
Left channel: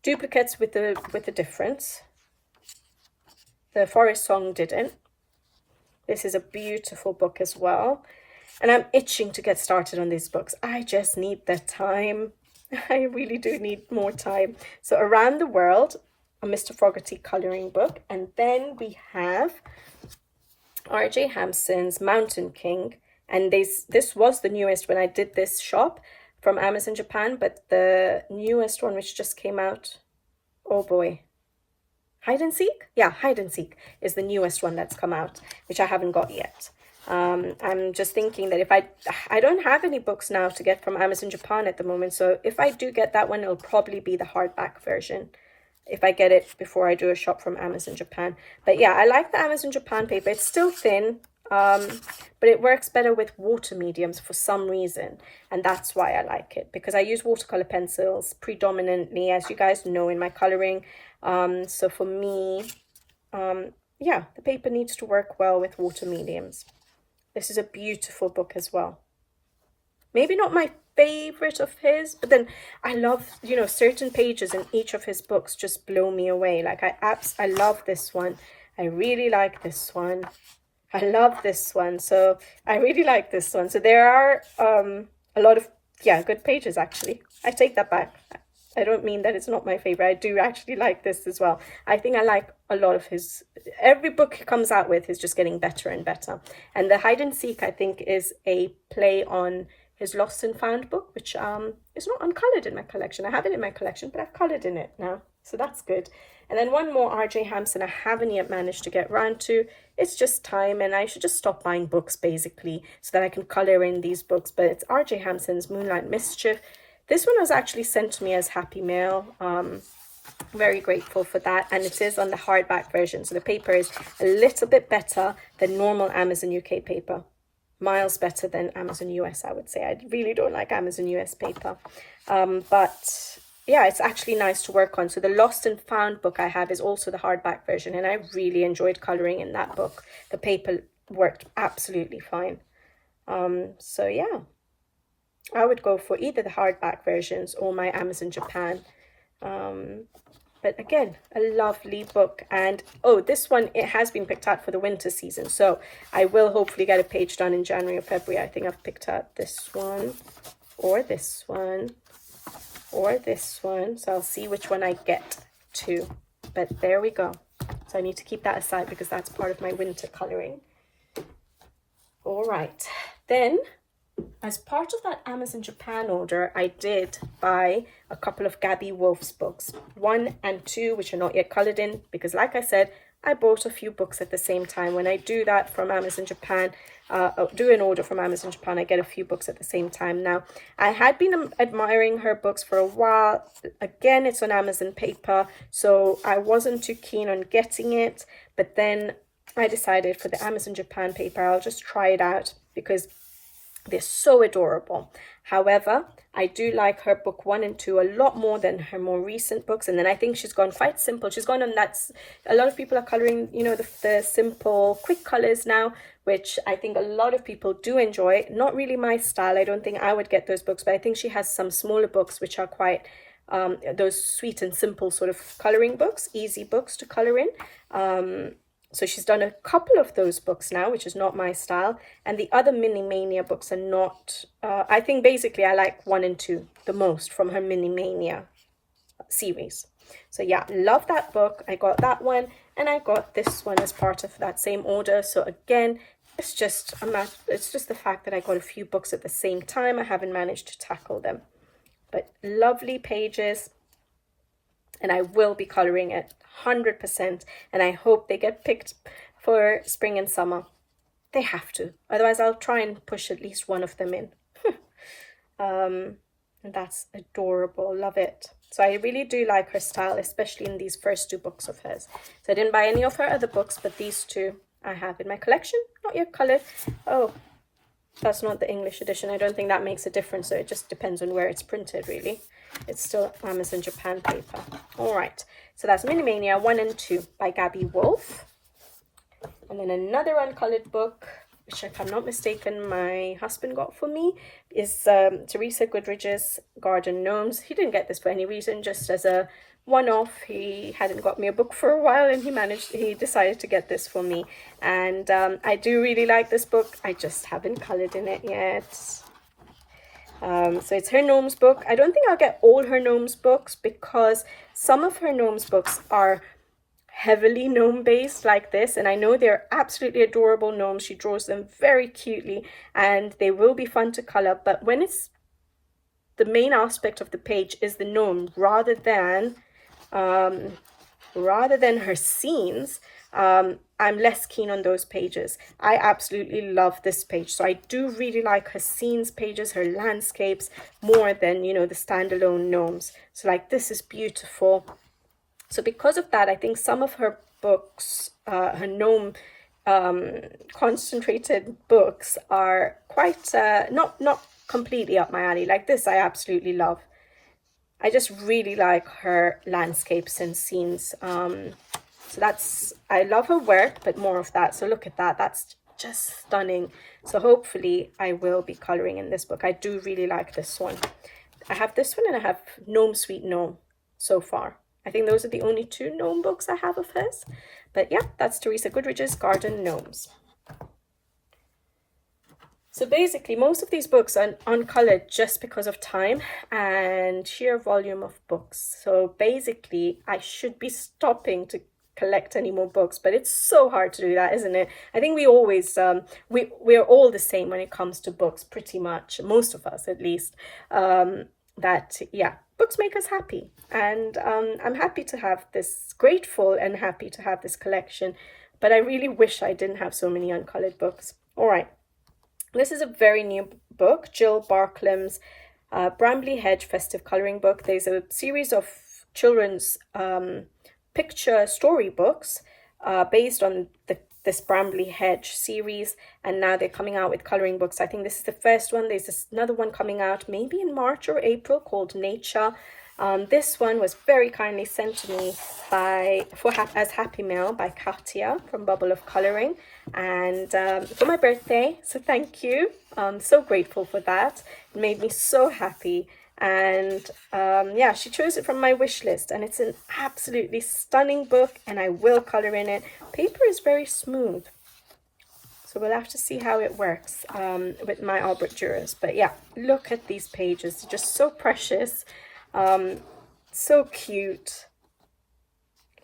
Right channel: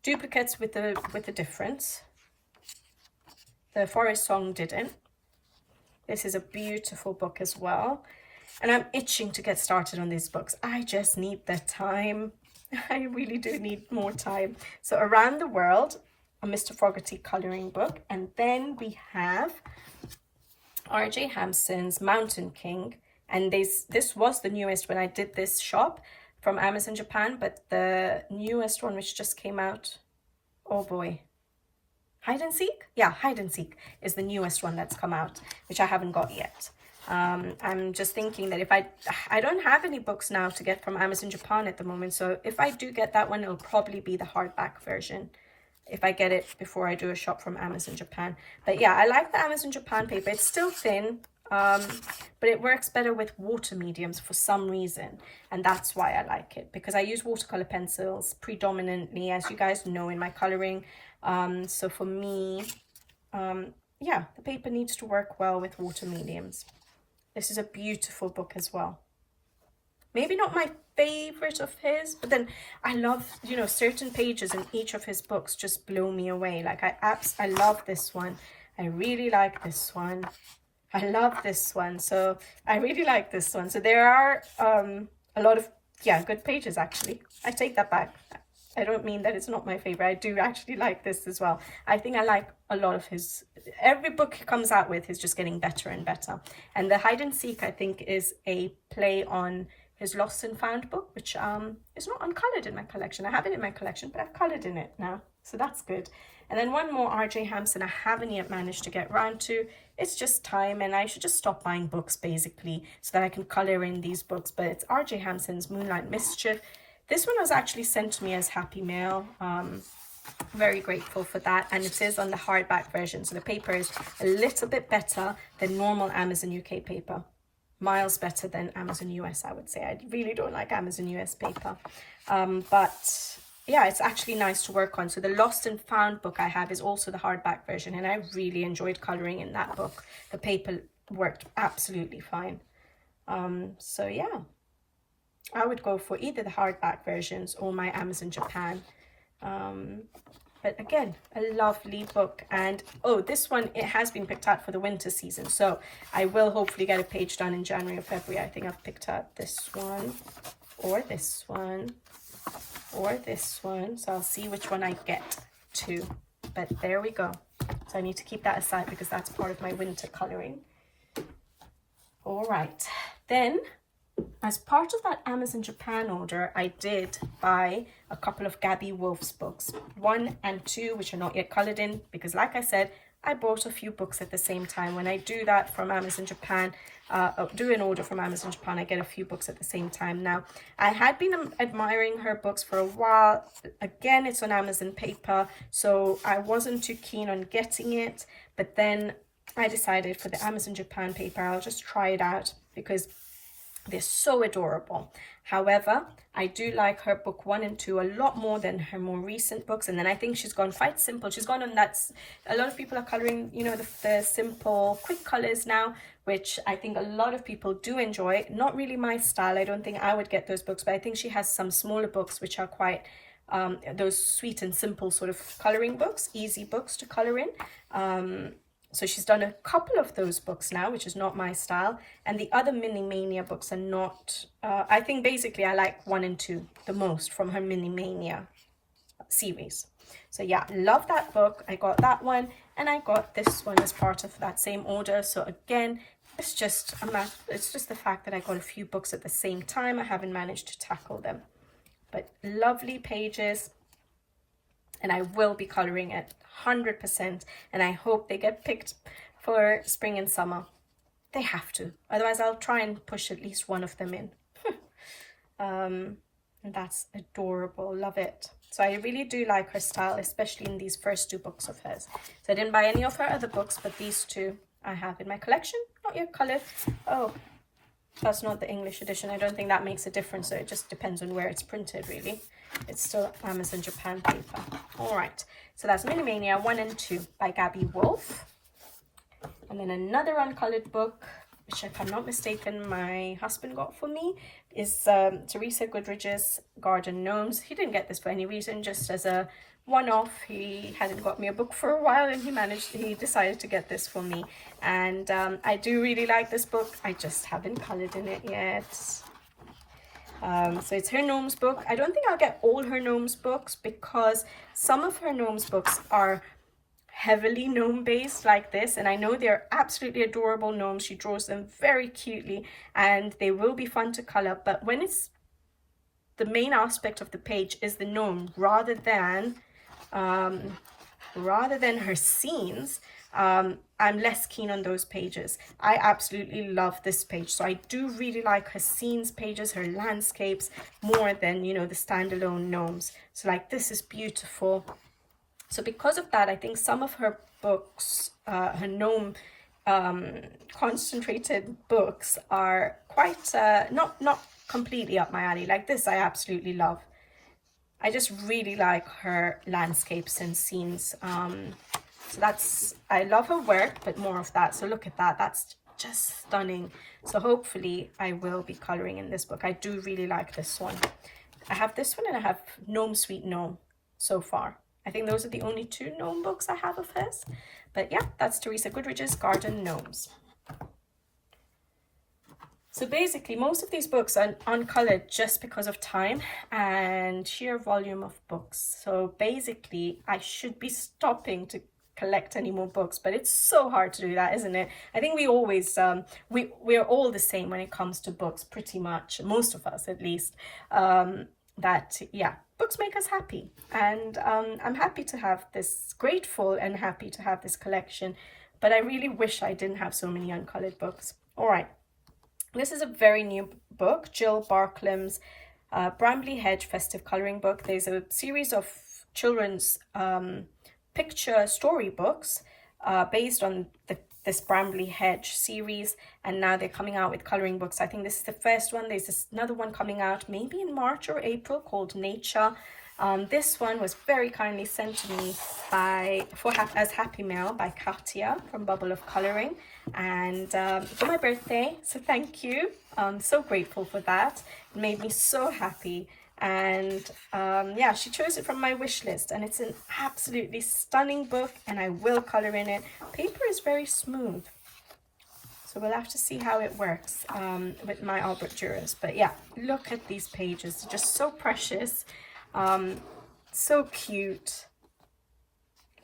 duplicates with the difference. The Forest Song didn't. This is a beautiful book as well. And I'm itching to get started on these books. I just need the time. I really do need more time. So Around the World, a Mr. Fogarty colouring book. And then we have R.J. Hampson's Mountain King. And this was the newest when I did this shop from Amazon Japan. But the newest one, which just came out, oh boy. Hide and Seek? Yeah, Hide and Seek is the newest one that's come out, which I haven't got yet. I'm just thinking that if I don't have any books now to get from Amazon Japan at the moment, so if I do get that one, it'll probably be the hardback version if I get it before I do a shop from Amazon Japan. But yeah, I like the Amazon Japan paper. It's still thin, but it works better with water mediums for some reason, and that's why I like it, because I use watercolor pencils predominantly, as you guys know, in my coloring. So for me, yeah, the paper needs to work well with water mediums. This is a beautiful book as well. Maybe not my favorite of his, but then I love, certain pages in each of his books just blow me away. Like I love this one. I really like this one. I love this one. So I really like this one. So there are a lot of, good pages actually. I take that back. I don't mean that it's not my favorite. I do actually like this as well. I think I like a lot of his, every book he comes out with is just getting better and better. And the Hide and Seek, I think, is a play on his Lost and Found book, which is not uncolored in my collection. I have it in my collection, but I've colored in it now, so that's good. And then one more R.J. Hampson I haven't yet managed to get round to. It's just time, and I should just stop buying books basically so that I can color in these books. But it's R.J. Hampson's Moonlight Mischief. This one was actually sent to me as Happy Mail. Very grateful for that, and it is on the hardback version, so the paper is a little bit better than normal Amazon UK paper. Miles better than Amazon US, I would say. I really don't like Amazon US paper, but yeah, it's actually nice to work on. So the Lost and Found book I have is also the hardback version, and I really enjoyed coloring in that book. The paper worked absolutely fine. So yeah, I would go for either the hardback versions or my Amazon Japan. But again, a lovely book. And oh, this one, it has been picked out for the winter season, so I will hopefully get a page done in January or February. I think I've picked out this one or this one or this one, so I'll see which one I get to. But there we go. So I need to keep that aside because that's part of my winter coloring. All right, then as part of that Amazon Japan order, I did buy a couple of Gabby Wolf's books, 1 and 2, which are not yet colored in, because like I said, I bought a few books at the same time. When I do that from Amazon Japan, do an order from Amazon Japan, I get a few books at the same time. Now, I had been admiring her books for a while. Again, it's on Amazon paper, so I wasn't too keen on getting it, but then I decided for the Amazon Japan paper, I'll just try it out because they're so adorable. However, I do like her book 1 and 2 a lot more than her more recent books. And then I think she's gone quite simple. She's gone on that, a lot of people are coloring, you know, the simple, quick colors now, which I think a lot of people do enjoy. Not really my style. I don't think I would get those books, but I think she has some smaller books which are quite, those sweet and simple sort of coloring books, easy books to color in. So she's done a couple of those books now, which is not my style. And the other Mini Mania books are not, I think basically I like 1 and 2 the most from her Mini Mania series. So yeah, love that book. I got that one and I got this one as part of that same order. So again, it's just the fact that I got a few books at the same time. I haven't managed to tackle them. But lovely pages. And I will be coloring it 100%, and I hope they get picked for spring and summer. They have to, otherwise I'll try and push at least one of them in. And that's adorable, love it. So I really do like her style, especially in these first 2 books of hers. So I didn't buy any of her other books, but these 2 I have in my collection, not yet colored. Oh, that's not the English edition. I don't think that makes a difference, so it just depends on where it's printed, really. It's still Amazon Japan paper. All right, so that's Mini Mania 1 and 2 by Gabby Wolf. And then another uncolored book, which if I'm not mistaken, my husband got for me, is Teresa Goodridge's Garden Gnomes. He didn't get this for any reason, just as a one-off. He hadn't got me a book for a while, and he decided to get this for me. And I do really like this book. I just haven't colored in it yet. So it's her Gnomes book. I don't think I'll get all her Gnomes books because some of her Gnomes books are heavily gnome based like this, and I know they're absolutely adorable gnomes. She draws them very cutely and they will be fun to color, but when it's the main aspect of the page is the gnome rather than her scenes, I'm less keen on those pages. I absolutely love this page, so I do really like her scenes pages, her landscapes, more than, you know, the standalone gnomes. So like this is beautiful. So because of that, I think some of her books, her gnome concentrated books, are quite not completely up my alley. Like this I absolutely love. I just really like her landscapes and scenes. So that's, I love her work, but more of that. So look at that, that's just stunning. So hopefully I will be coloring in this book. I do really like this one. I have this one and I have Gnome Sweet Gnome so far. I think those are the only 2 gnome books I have of hers. But yeah, that's Teresa Goodridge's Garden Gnomes. So basically, most of these books are uncolored just because of time and sheer volume of books. So basically, I should be stopping to collect any more books, but it's so hard to do that, isn't it? I think we always we're all the same when it comes to books, pretty much, most of us at least. That yeah, books make us happy, and I'm happy to have this, grateful and happy to have this collection, but I really wish I didn't have so many uncolored books. All right, this is a very new book, Jill Barklam's Brambley Hedge Festive Colouring Book. There's a series of children's picture storybooks based on this Brambley Hedge series, and now they're coming out with colouring books. I think this is the first one. There's another one coming out maybe in March or April called Nature. This one was very kindly sent to me as Happy Mail by Katia from Bubble of Colouring, and for my birthday, so thank you. I'm so grateful for that. It made me so happy. And yeah, she chose it from my wish list, and it's an absolutely stunning book, and I will colour in it. Paper is very smooth, so we'll have to see how it works with my Albert Durers. But yeah, look at these pages, they're just so precious, so cute.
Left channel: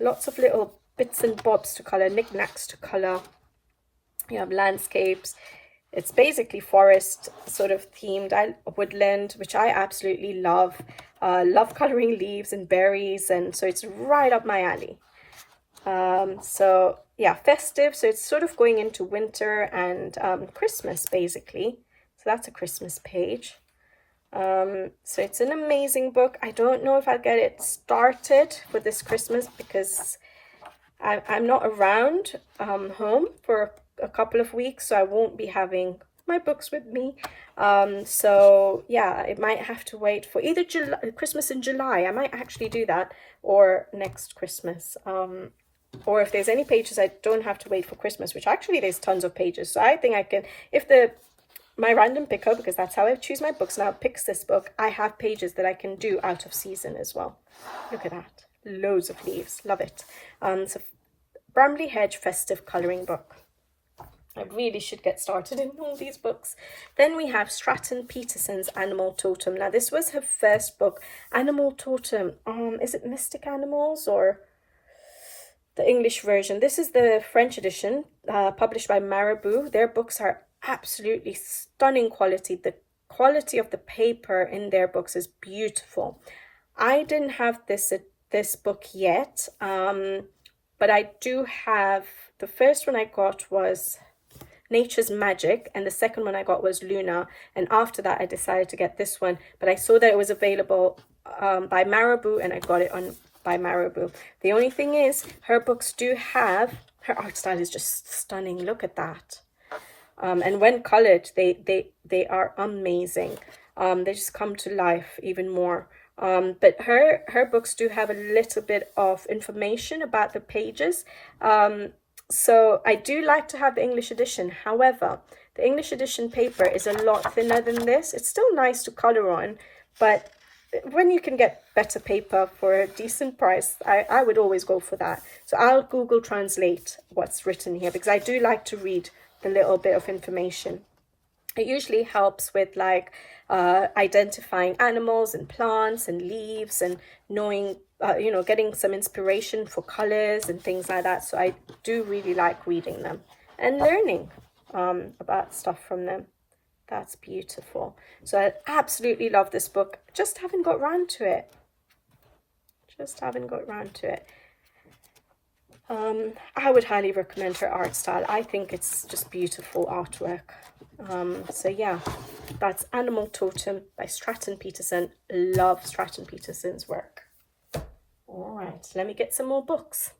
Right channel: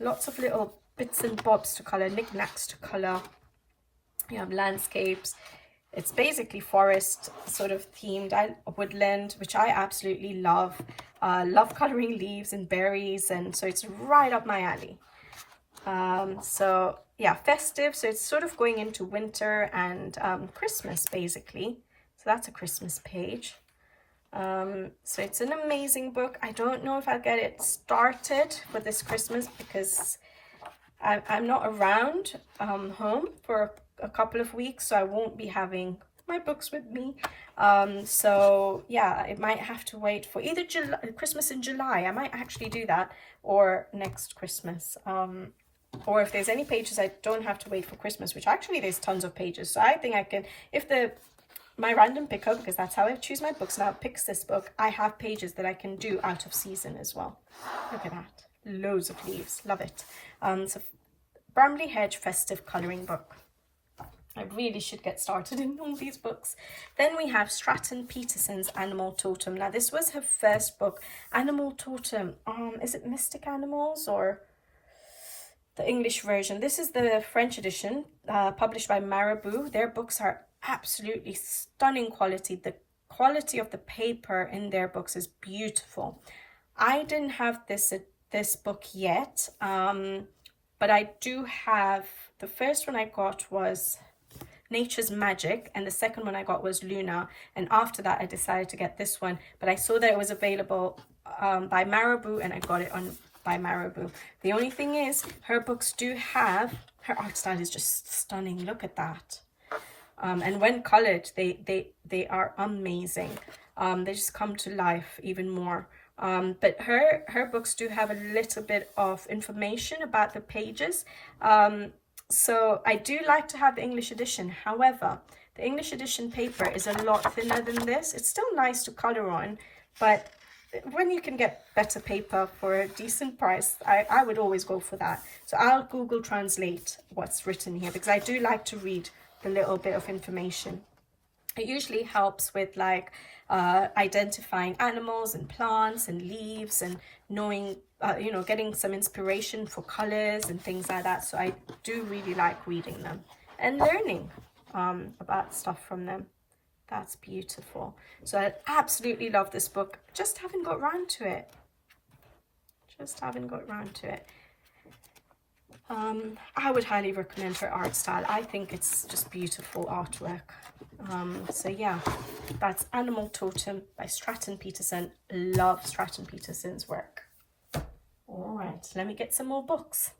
Lots of little bits and bobs to colour, knickknacks to colour. You have landscapes. It's basically forest sort of themed, woodland, which I absolutely love. Love colouring leaves and berries, and so it's right up my alley. So yeah, festive, so it's sort of going into winter and Christmas basically. So that's a Christmas page. So it's an amazing book. I don't know if I'll get it started for this Christmas because I'm not around home for a couple of weeks, so I won't be having my books with me. So yeah, it might have to wait for either Christmas in July. I might actually do that, or next Christmas. Or if there's any pages I don't have to wait for Christmas, which actually there's tons of pages. So I think I can, if my random picker, because that's how I choose my books now, picks this book, I have pages that I can do out of season as well. Look at that, loads of leaves, love it. So Brambley Hedge Festive Colouring Book. I really should get started in all these books. Then we have Stratton Peterson's Animal Totem. Now this was her first book, Animal Totem. Is it Mystic Animals or the English version? This is the French edition, published by Marabout. Their books are absolutely stunning quality. The quality of the paper in their books is beautiful. I didn't have this book yet, but I do have, the first one I got was Nature's Magic, and the second one I got was Luna, and after that I decided to get this one, but I saw that it was available by Marabout, and I got it by Marabout. The only thing is, her books do have, her art style is just stunning. Look at that. And when colored, they are amazing. They just come to life even more. But her books do have a little bit of information about the pages. So I do like to have the English edition. However, the English edition paper is a lot thinner than this. It's still nice to color on, but when you can get better paper for a decent price, I would always go for that. So I'll Google Translate what's written here, because I do like to read the little bit of information. It usually helps with like identifying animals and plants and leaves, and knowing, getting some inspiration for colors and things like that. So I do really like reading them and learning about stuff from them. That's beautiful. So I absolutely love this book. Just haven't got round to it. I would highly recommend her art style. I think it's just beautiful artwork. So yeah, that's Animal Totem by Stratton Peterson. Love Stratton Peterson's work. All right, let me get some more books.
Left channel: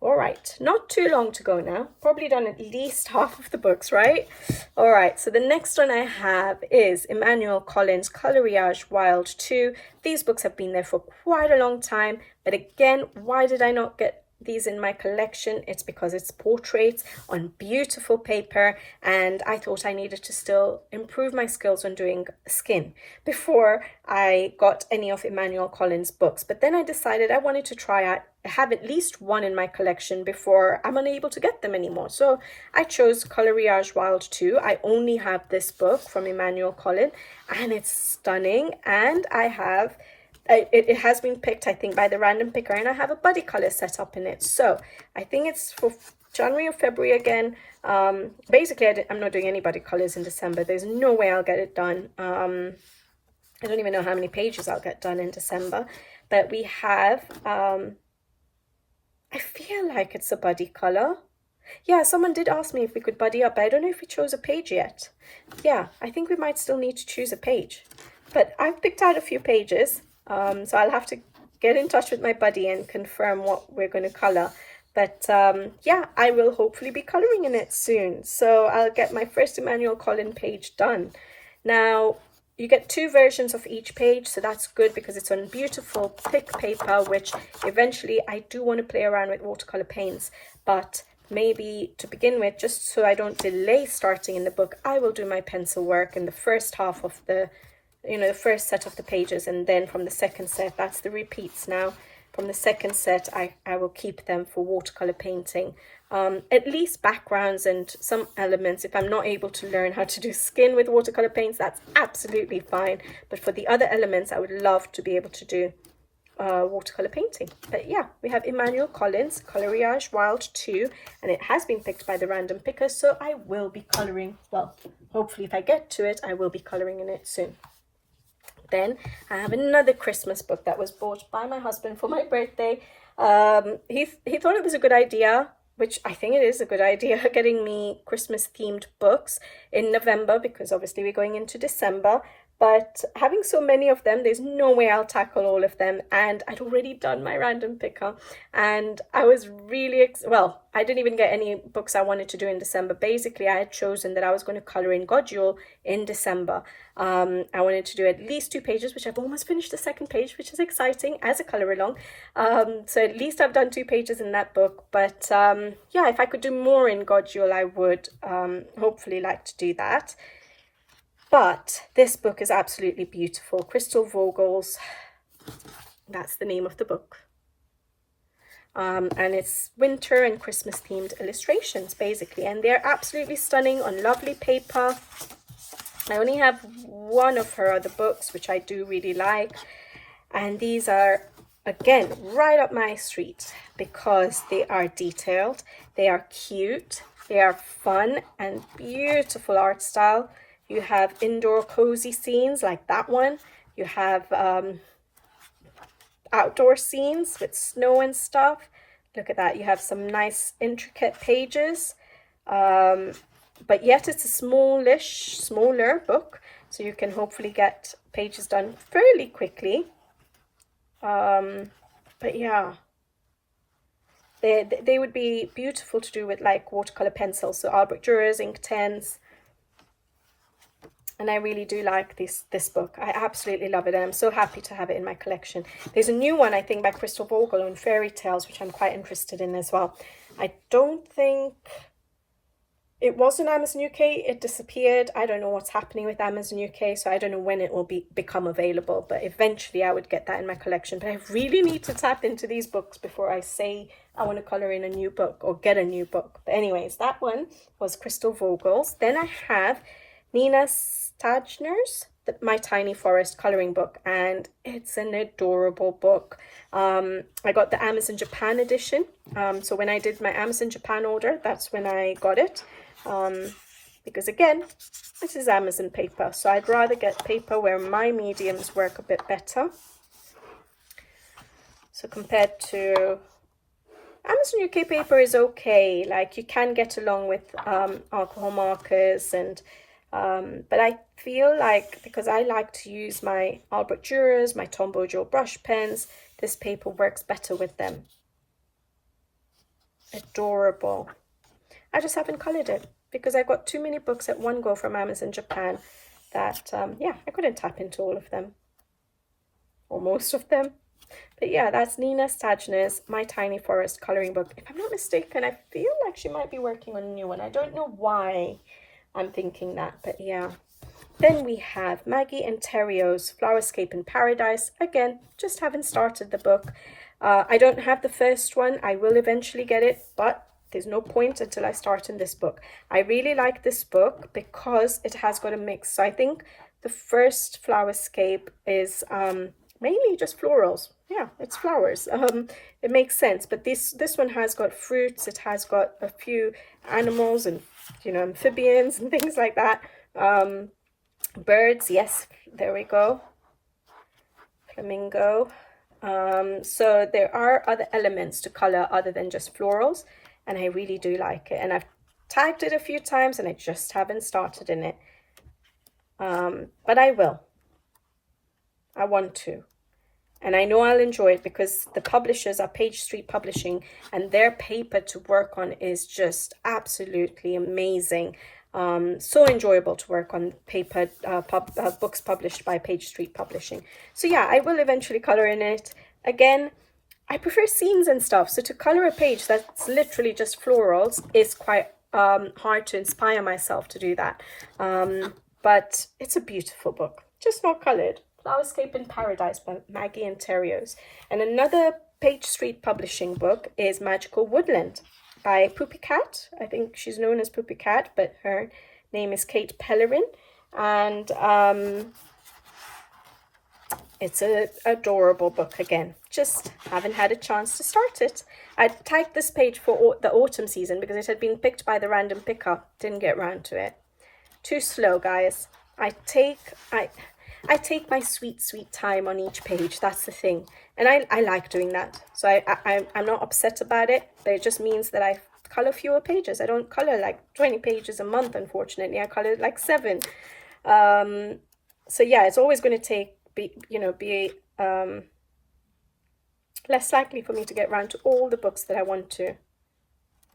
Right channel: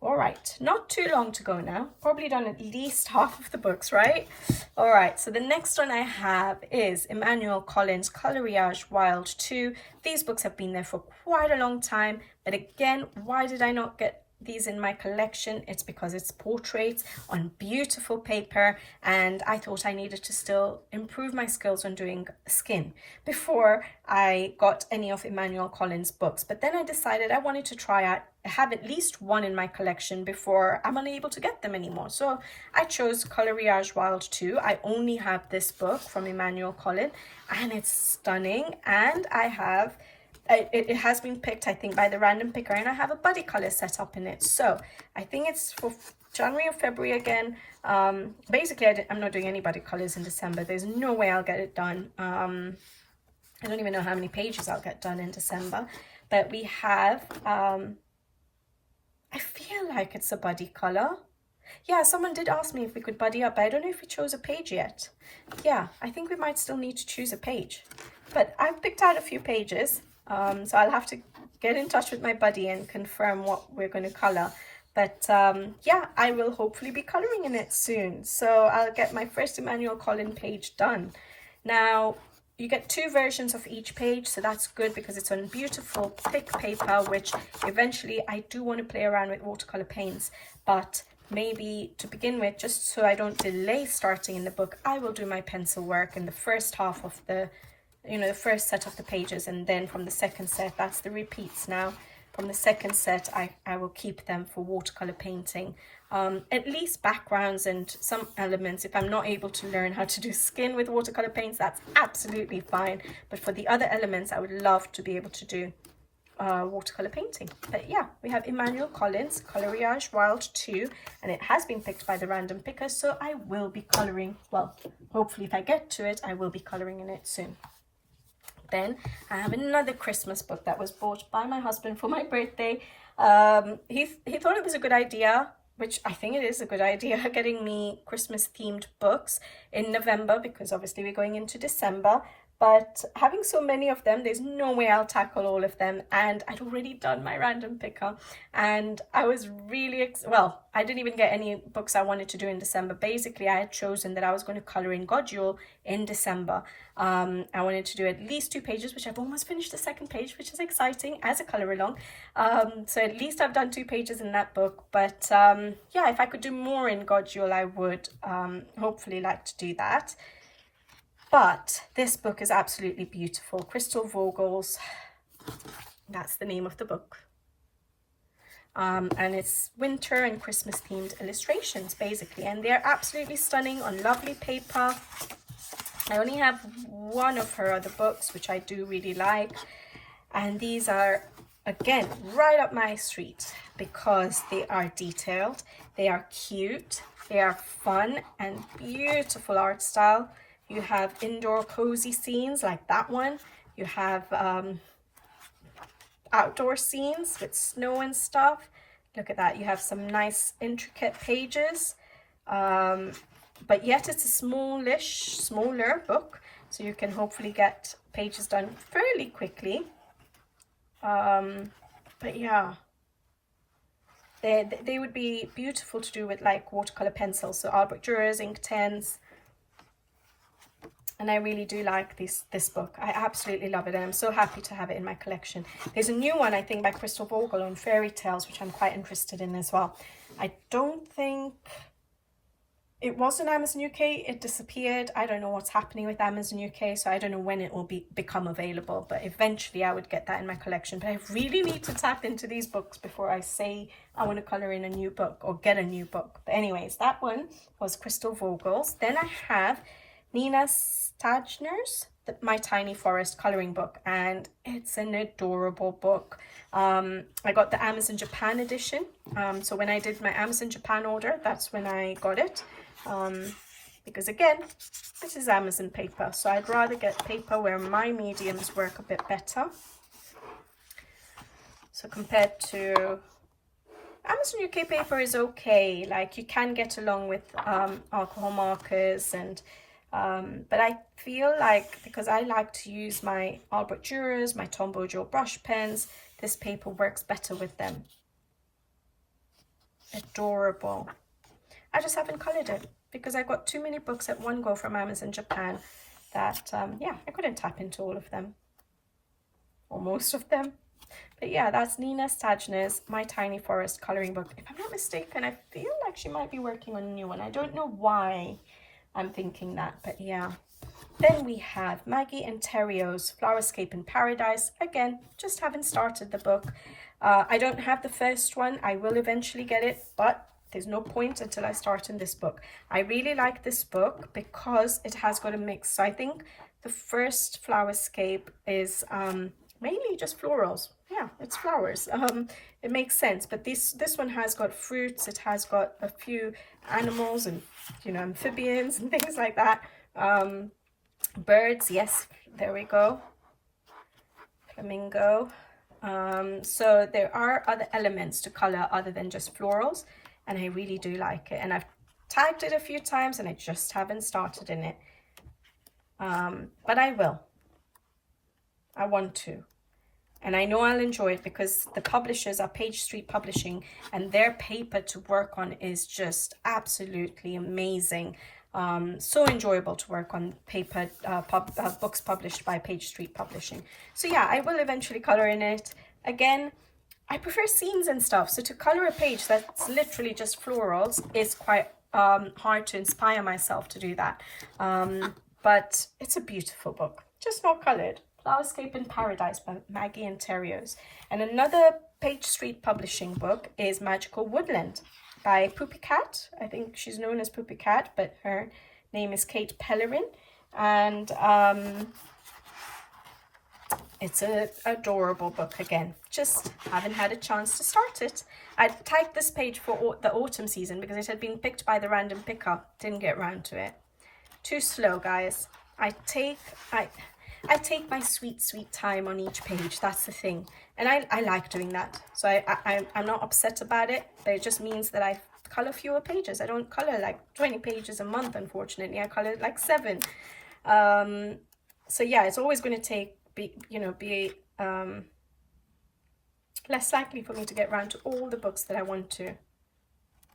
All right, not too long to go now. Probably done at least half of the books, right? All right, so the next one I have is Emmanuel Collins' Colorage Wild 2. These books have been there for quite a long time, but again, why did I not get these in my collection? It's because it's portraits on beautiful paper, and I thought I needed to still improve my skills on doing skin before I got any of Emmanuel Collins' books. But then I decided I wanted to try out have at least one in my collection before I'm unable to get them anymore. So I chose Colorage Wild 2. I only have this book from Emmanuel Collin, and it's stunning. And I have, it has been picked, I think, by the random picker, and I have a buddy color set up in it. So I think it's for January or February again. Basically, I'm not doing any buddy colors in December. There's no way I'll get it done. I don't even know how many pages I'll get done in December. But we have, I feel like it's a buddy color. Yeah, someone did ask me if we could buddy up, but I don't know if we chose a page yet. Yeah, I think we might still need to choose a page. But I've picked out a few pages, so I'll have to get in touch with my buddy and confirm what we're going to color. But yeah, I will hopefully be coloring in it soon. So I'll get my first Emmanuel Collin page done. Now, you get 2 versions of each page, so that's good because it's on beautiful thick paper, which eventually I do want to play around with watercolor paints. But maybe to begin with, just so I don't delay starting in the book, I will do my pencil work in the first half of the, the first set of the pages, and then from the second set, that's the repeats now. From the second set, I will keep them for watercolor painting. At least backgrounds and some elements. If I'm not able to learn how to do skin with watercolor paints, that's absolutely fine. But for the other elements, I would love to be able to do watercolor painting. But yeah, we have Emmanuel Collin's Colorage Wild 2, and it has been picked by the random picker, so I will be coloring, well, hopefully if I get to it, I will be coloring in it soon. Then I have another Christmas book that was bought by my husband for my birthday. He thought it was a good idea, which I think it is a good idea, getting me Christmas themed books in November, because obviously we're going into December. But having so many of them, there's no way I'll tackle all of them. And I'd already done my random picker. And I was really, well, I didn't even get any books I wanted to do in December. Basically, I had chosen that I was going to color in Godule in December. I wanted to do at least 2 pages, which I've almost finished the second page, which is exciting as a color along. So at least I've done 2 pages in that book. But yeah, if I could do more in Godule, I would hopefully like to do that. But this book is absolutely beautiful. Crystal Vogels, that's the name of the book. And it's winter and Christmas themed illustrations, basically. And they're absolutely stunning on lovely paper. I only have one of her other books, which I do really like. And these are, again, right up my street because they are detailed, they are cute, they are fun and beautiful art style. You have indoor cozy scenes like that one. You have outdoor scenes with snow and stuff. Look at that. You have some nice intricate pages. But yet it's a smaller book. So you can hopefully get pages done fairly quickly. But yeah. They would be beautiful to do with like watercolor pencils. So Albert Durer's ink tens. And I really do like this book. I absolutely love it, and I'm so happy to have it in my collection. There's a new one, I think, by Crystal Vogel on fairy tales, which I'm quite interested in as well. I don't think it was in Amazon UK. It disappeared. I don't know what's happening with Amazon UK, so I don't know when it will become available. But eventually I would get that in my collection. But I really need to tap into these books before I say I want to colour in a new book or get a new book. But anyways, that one was Crystal Vogel's. Then I have Nina Stagner's My Tiny Forest colouring book, and it's an adorable book. I got the Amazon Japan edition, so when I did my Amazon Japan order, that's when I got it, because again, this is Amazon paper, so I'd rather get paper where my mediums work a bit better. So compared to Amazon UK paper is okay, like you can get along with alcohol markers and but I feel like, because I like to use my Albert Durer's, my Tombow Joe brush pens, this paper works better with them. Adorable. I just haven't coloured it because I got too many books at one go from Amazon Japan that, yeah, I couldn't tap into all of them. Or most of them. But yeah, that's Nina Stagner's My Tiny Forest colouring book. If I'm not mistaken, I feel like she might be working on a new one. I don't know why I'm thinking that, but yeah. Then we have Maggie and Terrio's Flowerscape in Paradise. Again, just haven't started the book. I don't have the first one. I will eventually get it, but there's no point until I start in this book. I really like this book because it has got a mix. So I think the first Flowerscape is mainly just florals. Yeah, it's flowers. It makes sense. But this one has got fruits. It has got a few animals and, you know, amphibians and things like that. Birds, yes, there we go. Flamingo. So there are other elements to color other than just florals, and I really do like it. And I've tagged it a few times and I just haven't started in it. But I will. I want to. And I know I'll enjoy it because the publishers are Page Street Publishing, and their paper to work on is just absolutely amazing. So enjoyable to work on paper books published by Page Street Publishing. So yeah, I will eventually color in it. Again, I prefer scenes and stuff, so to color a page that's literally just florals is quite hard to inspire myself to do that. But it's a beautiful book, just not colored. Flowerscape in Paradise by Maggie Reyes. And another Page Street Publishing book is Magical Woodland by Poopy Cat. I think she's known as Poopy Cat, but her name is Kate Pellerin. And it's an adorable book again. Just haven't had a chance to start it. I tagged this page for the autumn season because it had been picked by the random picker. Didn't get round to it. Too slow, guys. I take my sweet time on each page. That's the thing. And I like doing that. So I'm not upset about it, but it just means that I color fewer pages. I don't color like 20 pages a month, unfortunately. I color like 7. So yeah, it's always going to be less likely for me to get around to all the books that I want to.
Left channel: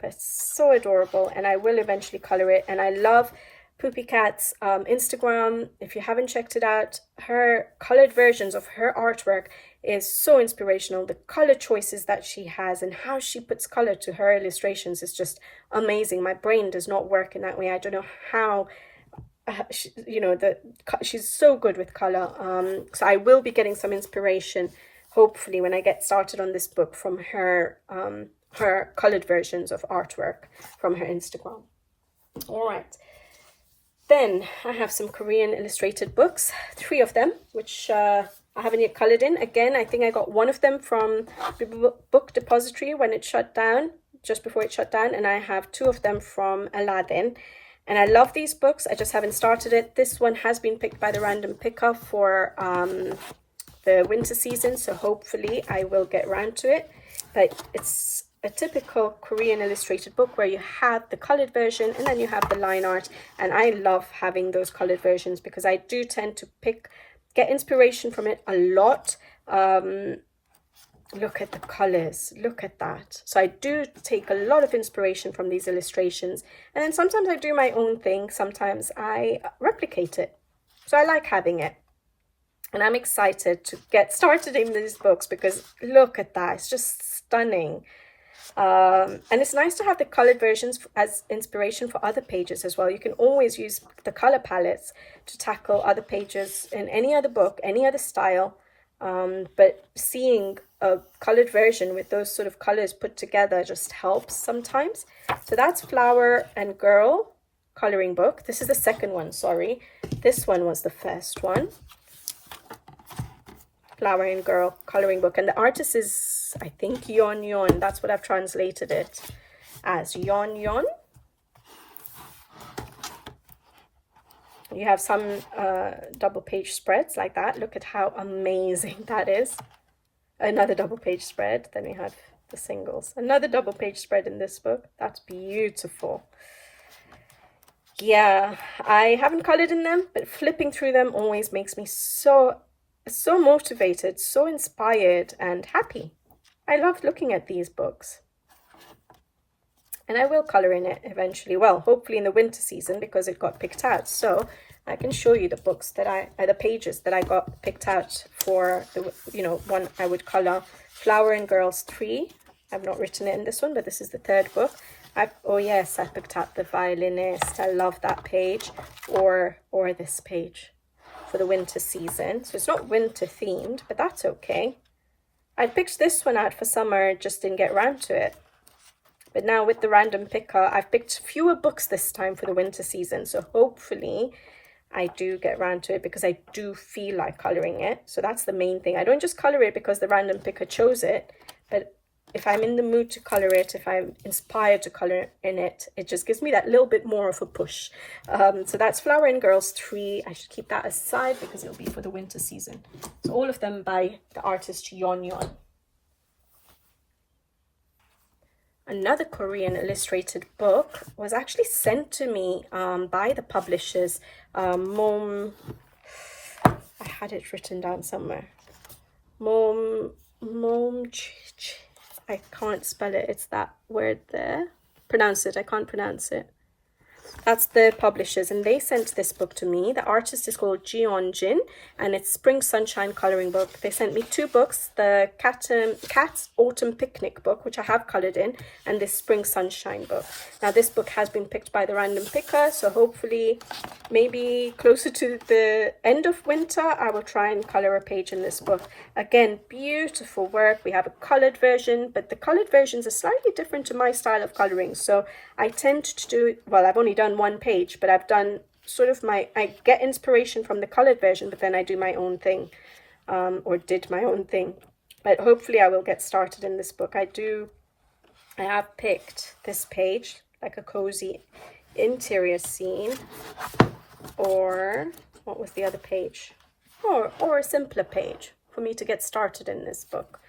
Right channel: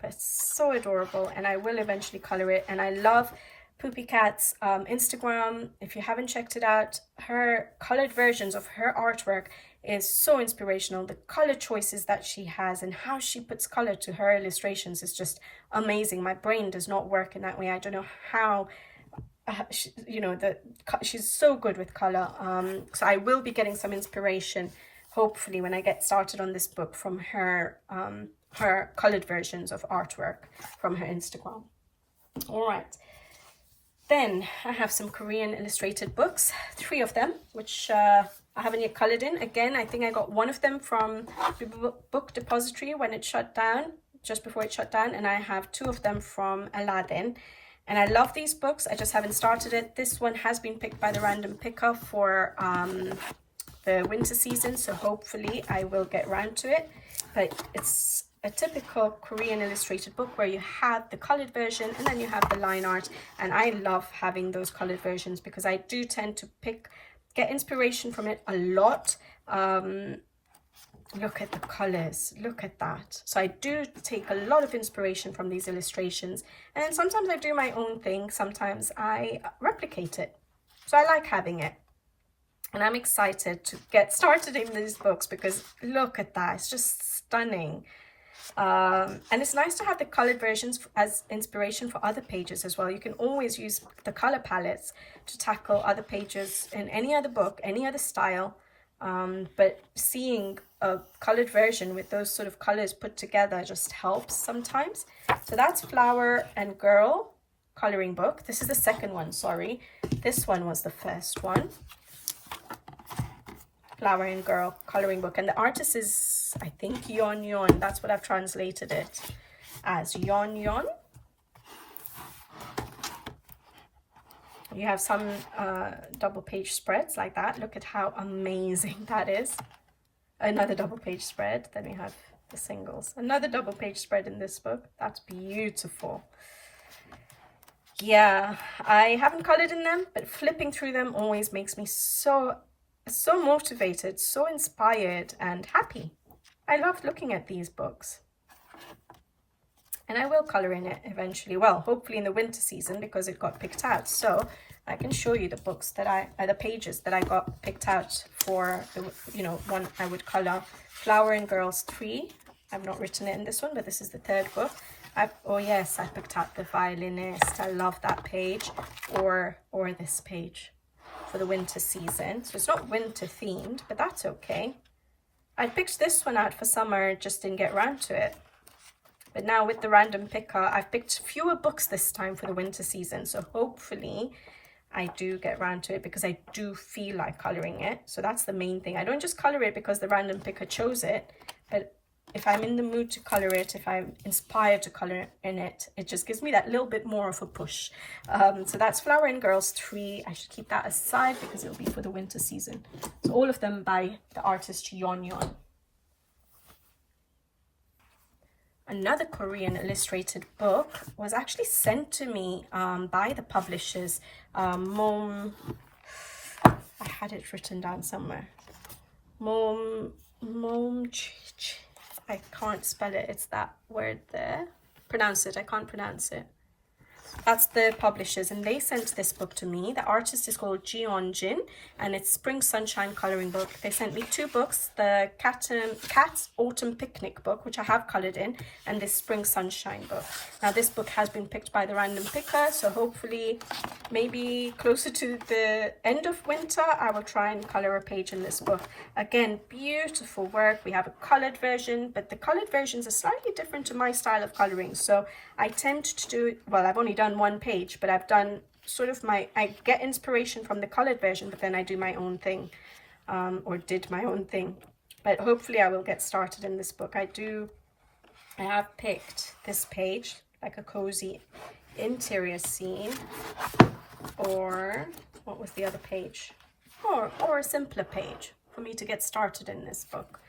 But it's so adorable, and I will eventually color it. And I love Poopy Cat's Instagram. If you haven't checked it out, her colored versions of her artwork is so inspirational. The color choices that she has and how she puts color to her illustrations is just amazing. My brain does not work in that way. I don't know how, she's so good with color. So I will be getting some inspiration, hopefully, when I get started on this book from her colored versions of artwork from her Instagram. All right. Then I have some Korean illustrated books, 3 of them, which I haven't yet colored in. Again, I think I got one of them from the Book Depository when it shut down, just before it shut down. And I have 2 of them from Aladdin. And I love these books. I just haven't started it. This one has been picked by the random picker for the winter season. So hopefully I will get around to it. But it's a typical Korean illustrated book where you have the colored version and then you have the line art. And I love having those colored versions because I do tend to get inspiration from it a lot. Look at the colors, look at that. So I do take a lot of inspiration from these illustrations, and then sometimes I do my own thing, sometimes I replicate it. So I like having it, and I'm excited to get started in these books because look at that, it's just stunning. And it's nice to have the colored versions as inspiration for other pages as well. You can always use the color palettes to tackle other pages in any other book, any other style. But seeing a colored version with those sort of colors put together just helps sometimes. So that's Flower and Girl coloring book. This is the second one, sorry. This one was the first one. Flower and Girl coloring book. And the artist is, I think, Yon. That's what I've translated it as, Yon. You have some double page spreads like that. Look at how amazing that is. Another double page spread. Then we have the singles. Another double page spread in this book. That's beautiful. Yeah, I haven't colored in them, but flipping through them always makes me so motivated, so inspired and happy. I love looking at these books. And I will color in it eventually. Well, hopefully in the winter season because it got picked out. So I can show you the books that the pages that I got picked out for the, one I would color. Flower and Girls 3. I've not written it in this one, but this is the 3rd book. Oh yes, I picked out The Violinist. I love that page. Or this page for the winter season. So it's not winter themed, but that's okay. I picked this one out for summer, just didn't get around to it. But now with the random picker, I've picked fewer books this time for the winter season. So hopefully I do get around to it because I do feel like colouring it. So that's the main thing. I don't just colour it because the random picker chose it, but if I'm in the mood to colour it, if I'm inspired to colour in it, it just gives me that little bit more of a push. So that's Flowering Girls 3. I should keep that aside because it'll be for the winter season. So all of them by the artist Yeon Yeon. Another Korean illustrated book was actually sent to me by the publishers. I had it written down somewhere. I can't spell it. It's that word there. Pronounce it. I can't pronounce it. That's the publishers, and they sent this book to me. The artist is called Jeon Jin, and it's Spring Sunshine colouring book. They sent me 2 books, the Cat's Autumn Picnic book, which I have coloured in, and this Spring Sunshine book. Now, this book has been picked by the random picker, so hopefully, maybe closer to the end of winter, I will try and colour a page in this book. Again, beautiful work. We have a coloured version, but the coloured versions are slightly different to my style of colouring, so I tend to do, well, I've only done 1 page, but I've done sort of I get inspiration from the coloured version, but then I do my own thing, or did my own thing. But hopefully I will get started in this book. I have picked this page, like a cozy interior scene, or what was the other page? Or a simpler page for me to get started in this book.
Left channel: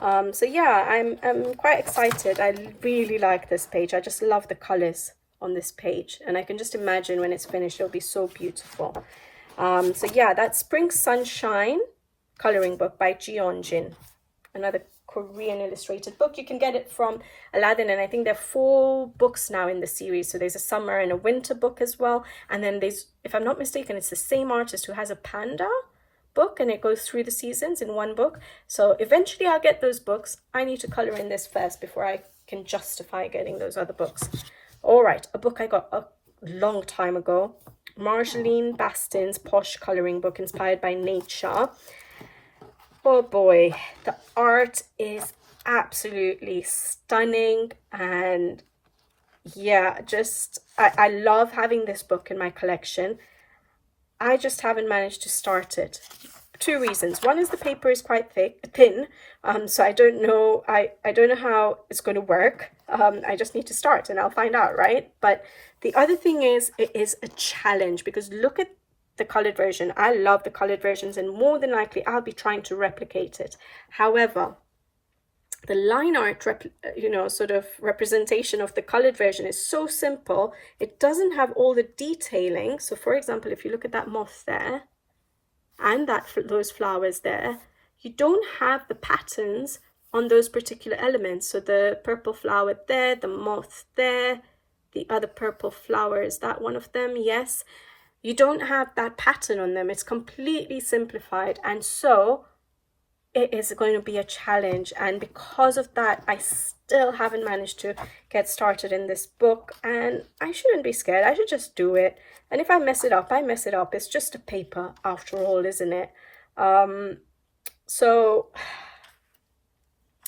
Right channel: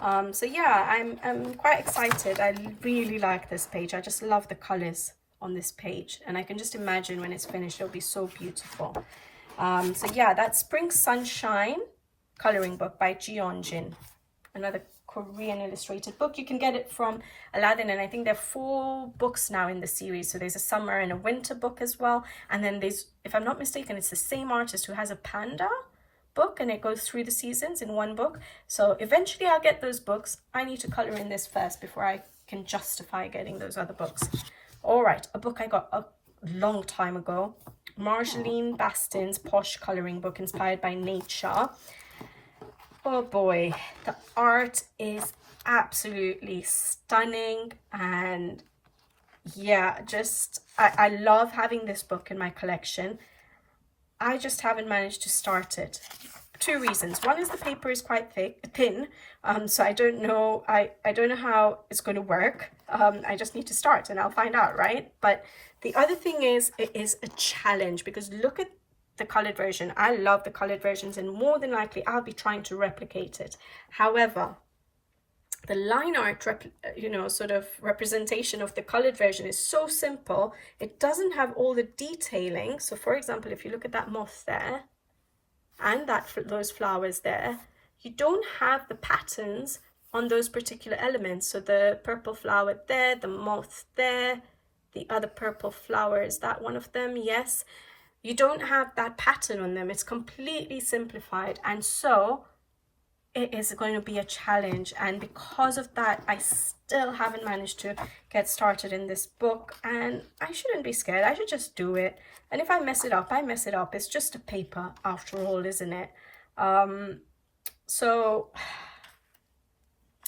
So yeah, I'm quite excited. I really like this page. I just love the colors on this page, and I can just imagine when it's finished it'll be so beautiful. So yeah, that's Spring Sunshine coloring book by Jeon Jin, another Korean illustrated book. You can get it from Aladdin, and I think there are 4 books now in the series. So there's a summer and a winter book as well, and then there's, if I'm not mistaken, it's the same artist who has a panda book, and it goes through the seasons in 1 book. So eventually I'll get those books. I need to color in this first before I can justify getting those other books. All right, a book I got a long time ago, Marjolaine Bastin's Posh coloring book inspired by nature. Oh boy, the art is absolutely stunning, and yeah, just I love having this book in my collection. I just haven't managed to start it. 2 reasons. One is the paper is quite thin, so I don't know. I don't know how it's going to work. I just need to start, and I'll find out, right? But the other thing is, it is a challenge, because look at the colored version. I love the colored versions, and more than likely I'll be trying to replicate it. However, the line art, sort of representation of the colored version is so simple. It doesn't have all the detailing. So for example, if you look at that moth there and those flowers there, you don't have the patterns on those particular elements. So the purple flower there, the moth there, the other purple flower, is that one of them? Yes. You don't have that pattern on them. It's completely simplified, and so it is going to be a challenge. And because of that, I still haven't managed to get started in this book, and I shouldn't be scared. I should just do it, and if I mess it up, I mess it up. It's just a paper after all, isn't it? So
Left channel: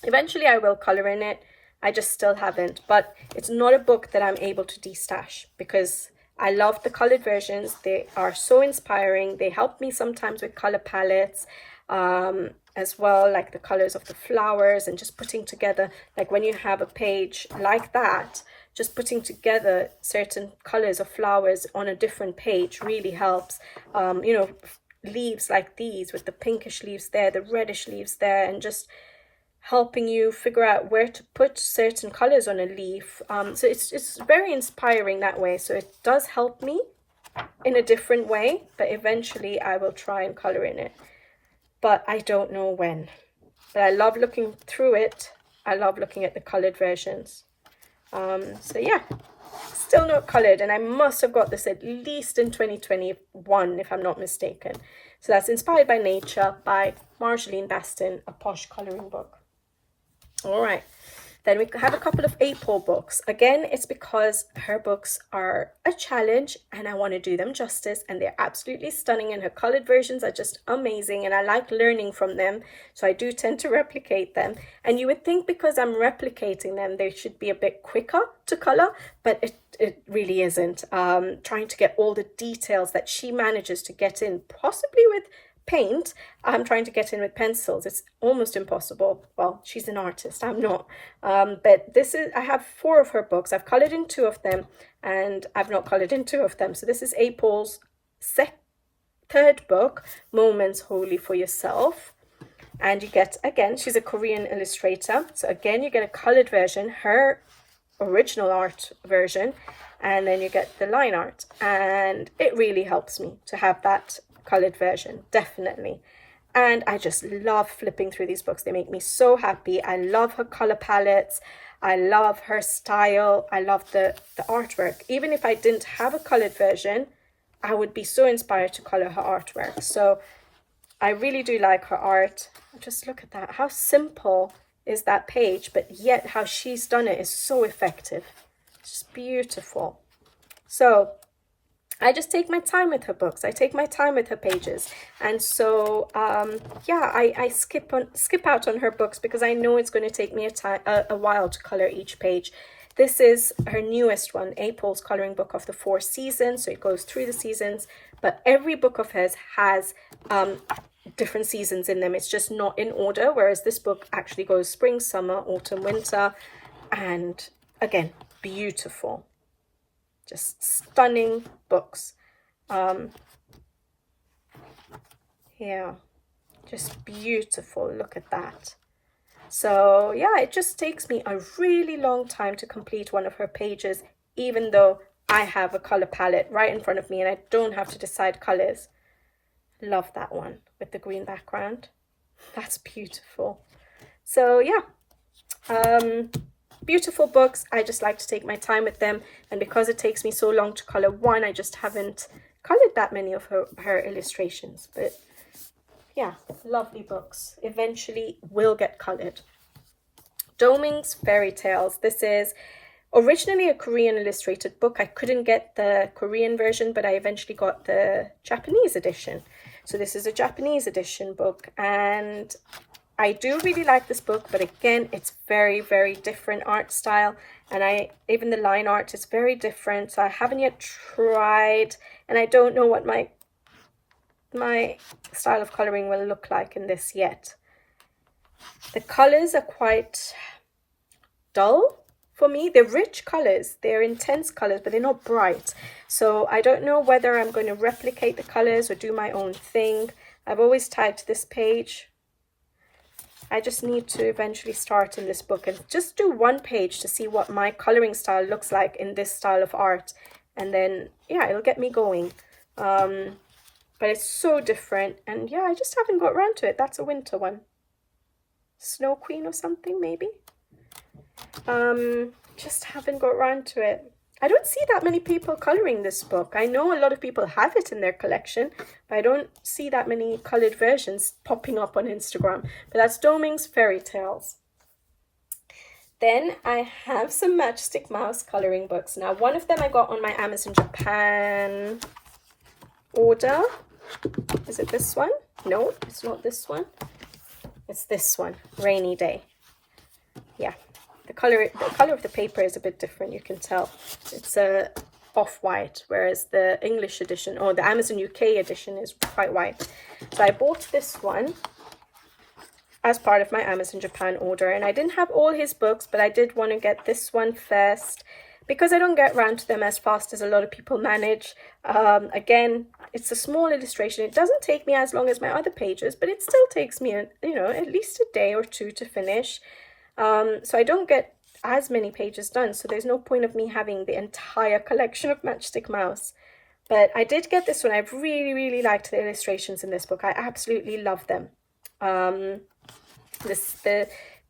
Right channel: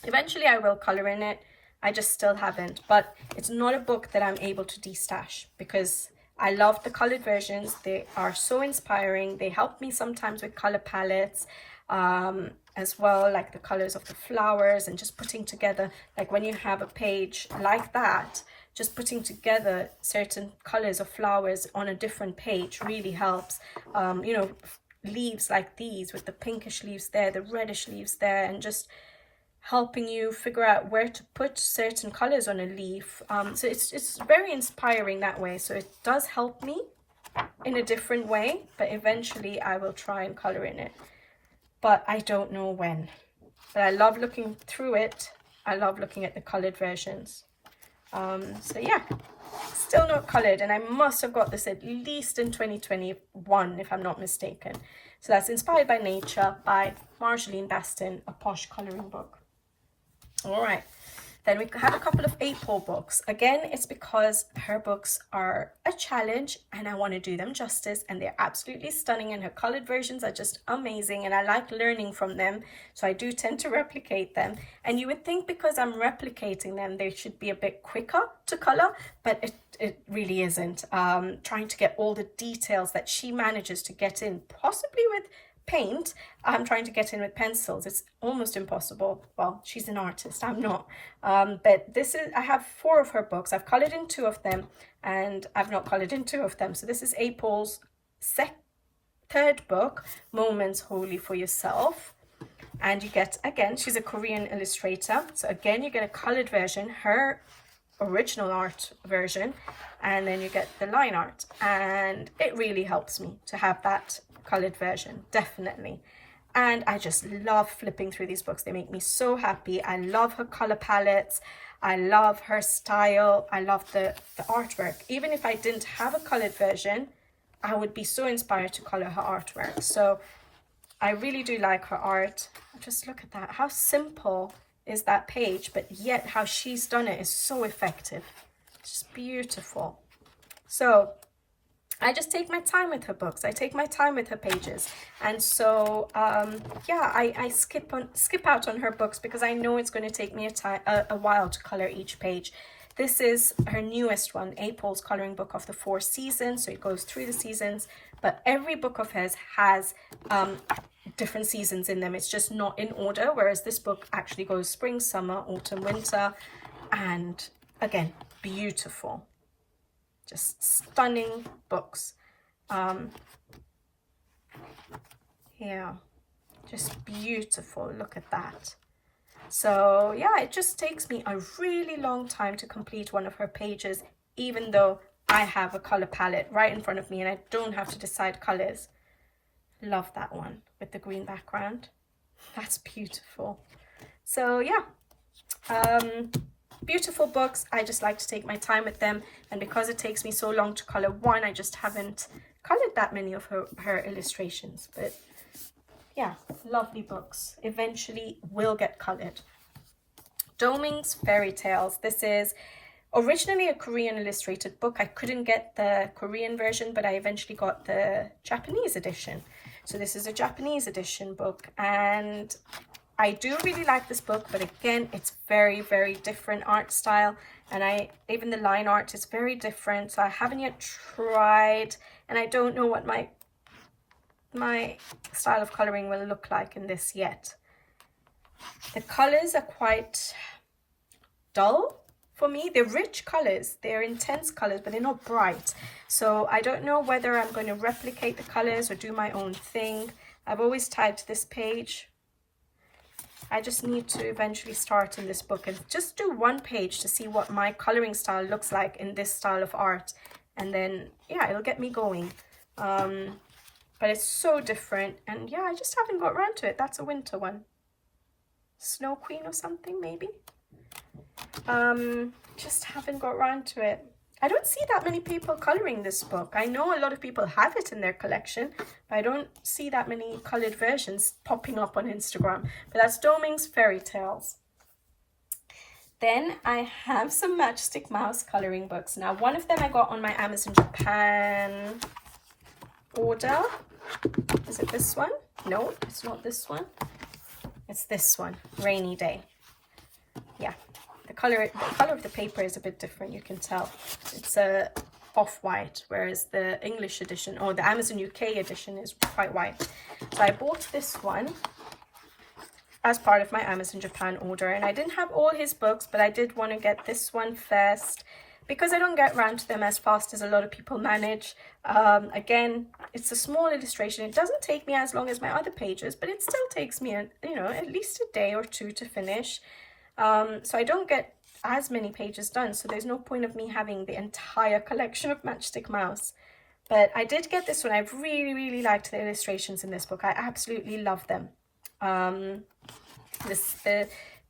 eventually I will color in it. I just still haven't, but it's not a book that I'm able to destash, because I love the colored versions. They are so inspiring. They help me sometimes with color palettes as well, like the colors of the flowers, and just putting together, like when you have a page like that, just putting together certain colors of flowers on a different page really helps. Leaves like these with the pinkish leaves there, the reddish leaves there, and just helping you figure out where to put certain colors on a leaf. So it's very inspiring that way. So it does help me in a different way, but eventually I will try and color in it, but I don't know when. But I love looking through it. I love looking at the colored versions. So yeah, still not colored, and I must have got this at least in 2021 if I'm not mistaken. So that's Inspired by Nature by Marjolaine Bastin, a Posh coloring book. All right, Then we have a couple of April books. Again, it's because her books are a challenge and I want to do them justice, and they're absolutely stunning, and her colored versions are just amazing, and I like learning from them, so I do tend to replicate them. And you would think because I'm replicating them they should be a bit quicker to color, but it really isn't. Trying to get all the details that she manages to get in, possibly with paint, I'm trying to get in with pencils. It's almost impossible. Well, she's an artist, I'm not. But this is, I have 4 of her books. I've colored in 2 of them and I've not colored in 2 of them. So this is April's 3rd book, Moments Wholly for Yourself. And you get, again, she's a Korean illustrator, so again you get a colored version, her original art version, and then you get the line art, and it really helps me to have that colored version, definitely. And I just love flipping through these books. They make me so happy. I love her color palettes, I love her style, I love the artwork. Even if I didn't have a colored version, I would be so inspired to color her artwork. So I really do like her art. Just look at that, how simple is that page, but yet how she's done it is so effective. It's beautiful. So I just take my time with her books. I take my time with her pages, and so yeah, I skip out on her books because I know it's going to take me a while to color each page. This is her newest one, April's coloring book of the 4 seasons, so it goes through the seasons, but every book of hers has different seasons in them. It's just not in order, whereas this book actually goes spring, summer, autumn, winter, and again, beautiful. Just stunning books. Yeah, just beautiful. Look at that. So yeah, it just takes me a really long time to complete one of her pages, even though I have a color palette right in front of me and I don't have to decide colors. Love that one with the green background. That's beautiful. So yeah, beautiful books. I just like to take my time with them, and because it takes me so long to color one, I just haven't colored that many of her illustrations. But yeah, lovely books. Eventually will get colored. Doming's Fairy Tales. This is originally a Korean illustrated book. I couldn't get the Korean version, but I eventually got the Japanese edition. So this is a Japanese edition book, and I do really like this book, but again, it's very, very different art style, and even the line art is very different, so I haven't yet tried, and I don't know what my style of coloring will look like in this yet. The colors are quite dull for me. They're rich colors, they're intense colors, but they're not bright. So I don't know whether I'm going to replicate the colors or do my own thing. I've always tagged this page. I just need to eventually start in this book and just do one page to see what my coloring style looks like in this style of art. And then, yeah, it'll get me going. But it's so different. And yeah, I just haven't got around to it. That's a winter one. Snow Queen or something, maybe. Just haven't got around to it. I don't see that many people coloring this book. I know a lot of people have it in their collection, but I don't see that many colored versions popping up on Instagram. But that's Doming's Fairy Tales. Then I have some Matchstick Mouse coloring books. Now, one of them I got on my Amazon Japan order. Is it this one? No, it's not this one. It's this one, Rainy Day. Yeah. The color of the paper is a bit different, you can tell. It's a off-white, whereas the English edition, or the Amazon UK edition, is quite white. So I bought this one as part of my Amazon Japan order, and I didn't have all his books, but I did want to get this one first because I don't get around to them as fast as a lot of people manage. Again, it's a small illustration. It doesn't take me as long as my other pages, but it still takes me, at least a day or two to finish. So I don't get as many pages done, so there's no point of me having the entire collection of Matchstick Mouse. But I did get this one. I've really, really liked the illustrations in this book. I absolutely love them. The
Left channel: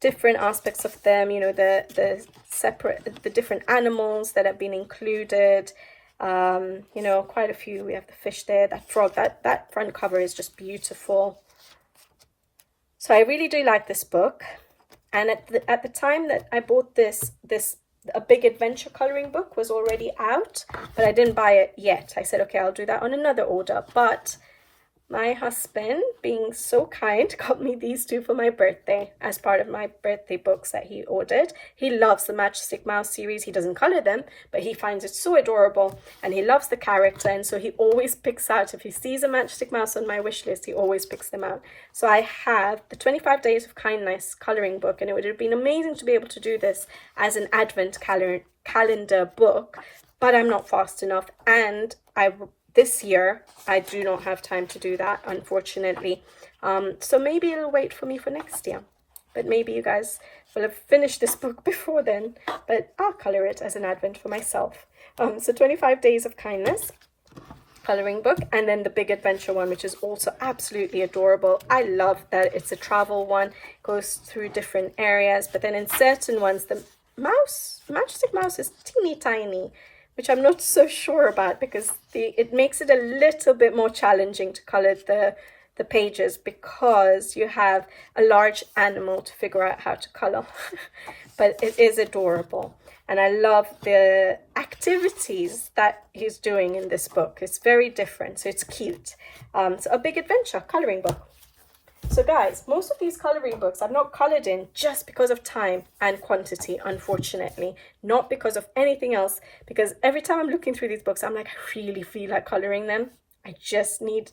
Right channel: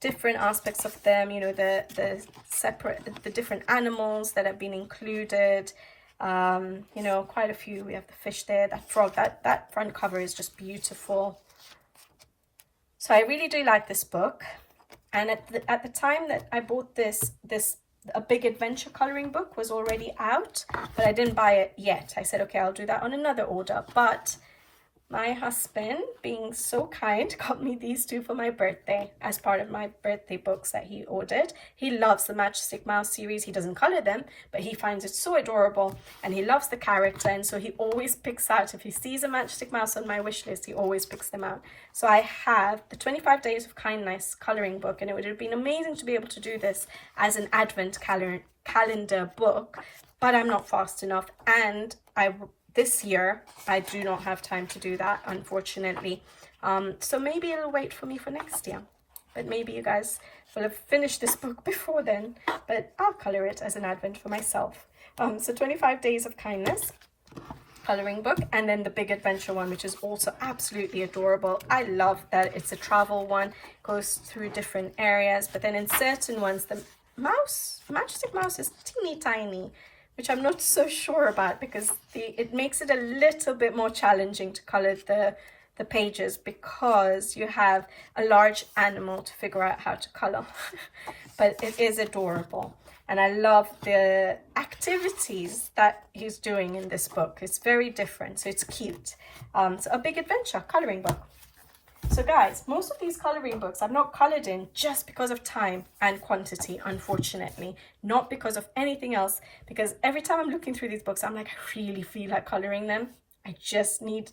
different aspects of them, the different animals that have been included. Quite a few. We have the fish there, that frog. That front cover is just beautiful. So I really do like this book. And at the time that I bought this A Big Adventure coloring book was already out, but I didn't buy it yet. I said, okay, I'll do that on another order. But my husband, being so kind, got me these two for my birthday as part of my birthday books that he ordered. He loves the Matchstick Mouse series. He doesn't color them, but he finds it so adorable and he loves the character. And so he always picks out, if he sees a Matchstick Mouse on my wish list, he always picks them out. So I have the 25 Days of Kindness coloring book, and it would have been amazing to be able to do this as an advent calendar book, but I'm not fast enough, and this year, I do not have time to do that, unfortunately. So maybe it'll wait for me for next year. But maybe you guys will have finished this book before then. But I'll colour it as an advent for myself. So 25 Days of Kindness colouring book. And then the Big Adventure one, which is also absolutely adorable. I love that it's a travel one. Goes through different areas. But then in certain ones, the Matchstick Mouse is teeny tiny, which I'm not so sure about, because it makes it a little bit more challenging to colour the pages, because you have a large animal to figure out how to colour. But it is adorable, and I love the activities that he's doing in this book. It's very different, so it's cute. So A Big Adventure colouring book. So guys, most of these colouring books I've not coloured in just because of time and quantity, unfortunately. Not because of anything else, because every time I'm looking through these books, I'm like, I really feel like colouring them. I just need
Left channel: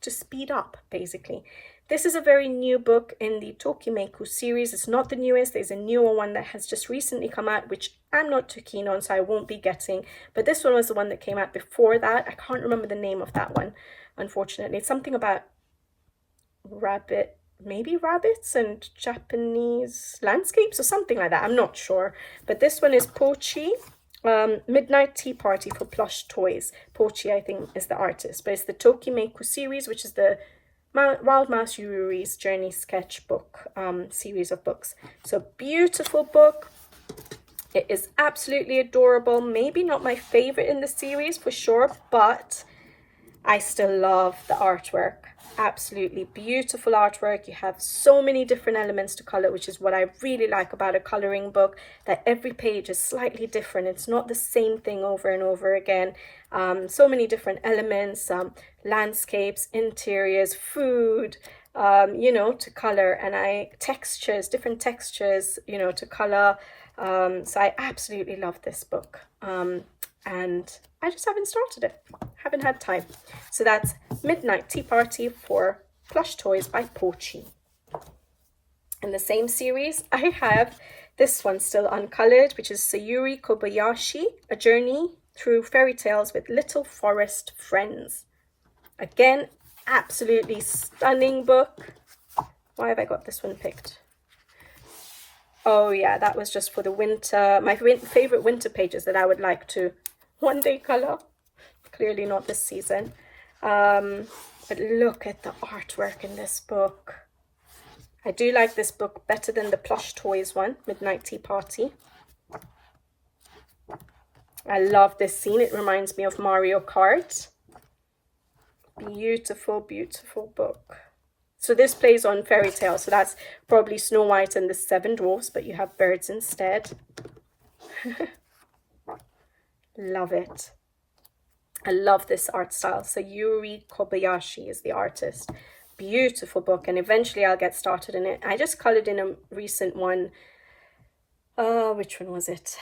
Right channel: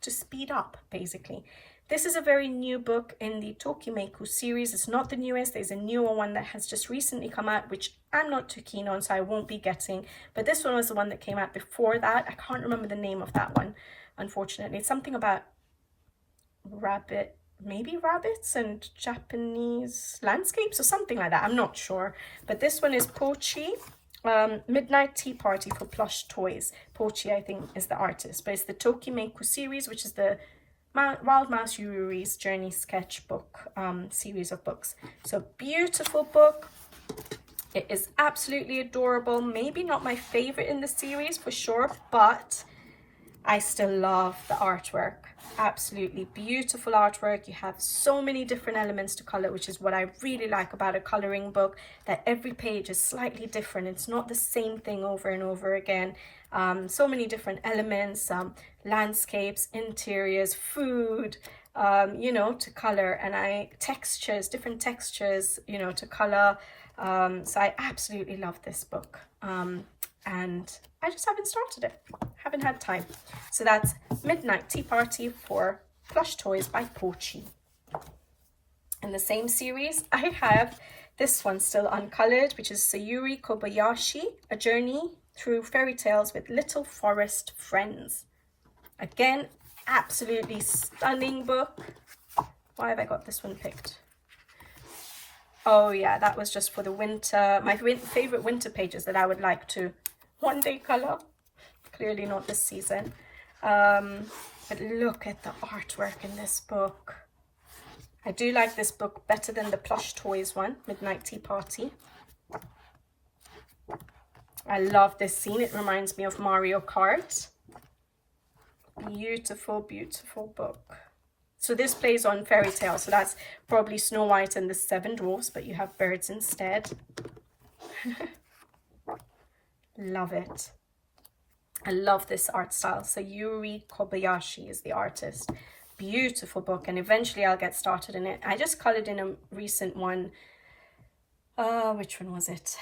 to speed up, basically. This is a very new book in the Tokimeku series. It's not the newest. There's a newer one that has just recently come out, which I'm not too keen on, so I won't be getting. But this one was the one that came out before that. I can't remember the name of that one, unfortunately. It's something about rabbits and Japanese landscapes or something like that. I'm not sure. But this one is Pochi, Midnight Tea Party for Plush Toys. Pochi, I think, is the artist. But it's the Tokimeku series, which is the Wild Mouse Yuri's Journey Sketchbook series of books. So beautiful book. It is absolutely adorable. Maybe not my favorite in the series for sure, but I still love the artwork. Absolutely beautiful artwork. You have so many different elements to color, which is what I really like about a coloring book, that every page is slightly different. It's not the same thing over and over again. So many different elements, landscapes, interiors, food, to color, and different textures, to color. So I absolutely love this book. And I just haven't started it. Haven't had time. So that's Midnight Tea Party for Plush Toys by Pochi. In the same series, I have this one still uncolored, which is Sayuri Kobayashi, A Journey Through Fairy Tales with Little Forest Friends. Again, absolutely stunning book. Why have I got this one picked? Oh yeah, that was just for the winter, my favorite winter pages that I would like to one day color. Clearly not this season. But look at the artwork in this book. I do like this book better than the Plush Toys one, Midnight Tea Party. I love this scene. It reminds me of Mario Kart. Beautiful, beautiful book. So this plays on fairy tales. So that's probably Snow White and the Seven Dwarfs, but you have birds instead. Love it. I love this art style. So Sayuri Kobayashi is the artist. Beautiful book, and eventually I'll get started in it. I just colored in a recent one. Which one was it?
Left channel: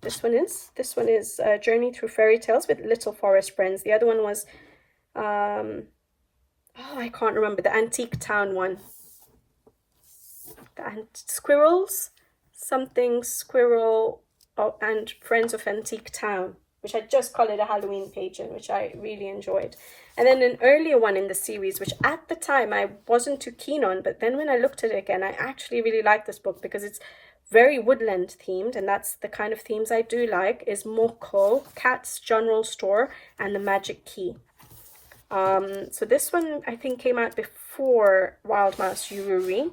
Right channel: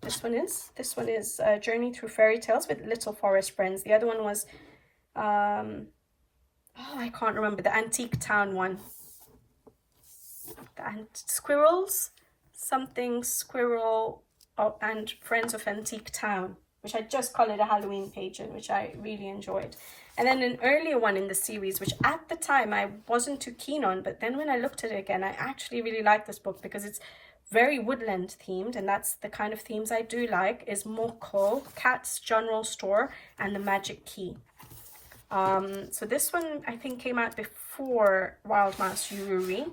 This one is Journey Through Fairy Tales with Little Forest Friends. The other one was I can't remember, the Antique Town one. Squirrels, something squirrel, and Friends of Antique Town, which I just colored a Halloween page in, which I really enjoyed. And then an earlier one in the series, which at the time I wasn't too keen on, but then when I looked at it again, I actually really liked this book because it's very woodland themed, and that's the kind of themes I do like, is Moko, Cat's General Store, and The Magic Key. So this one I think came out before Wild Mouse Yururi,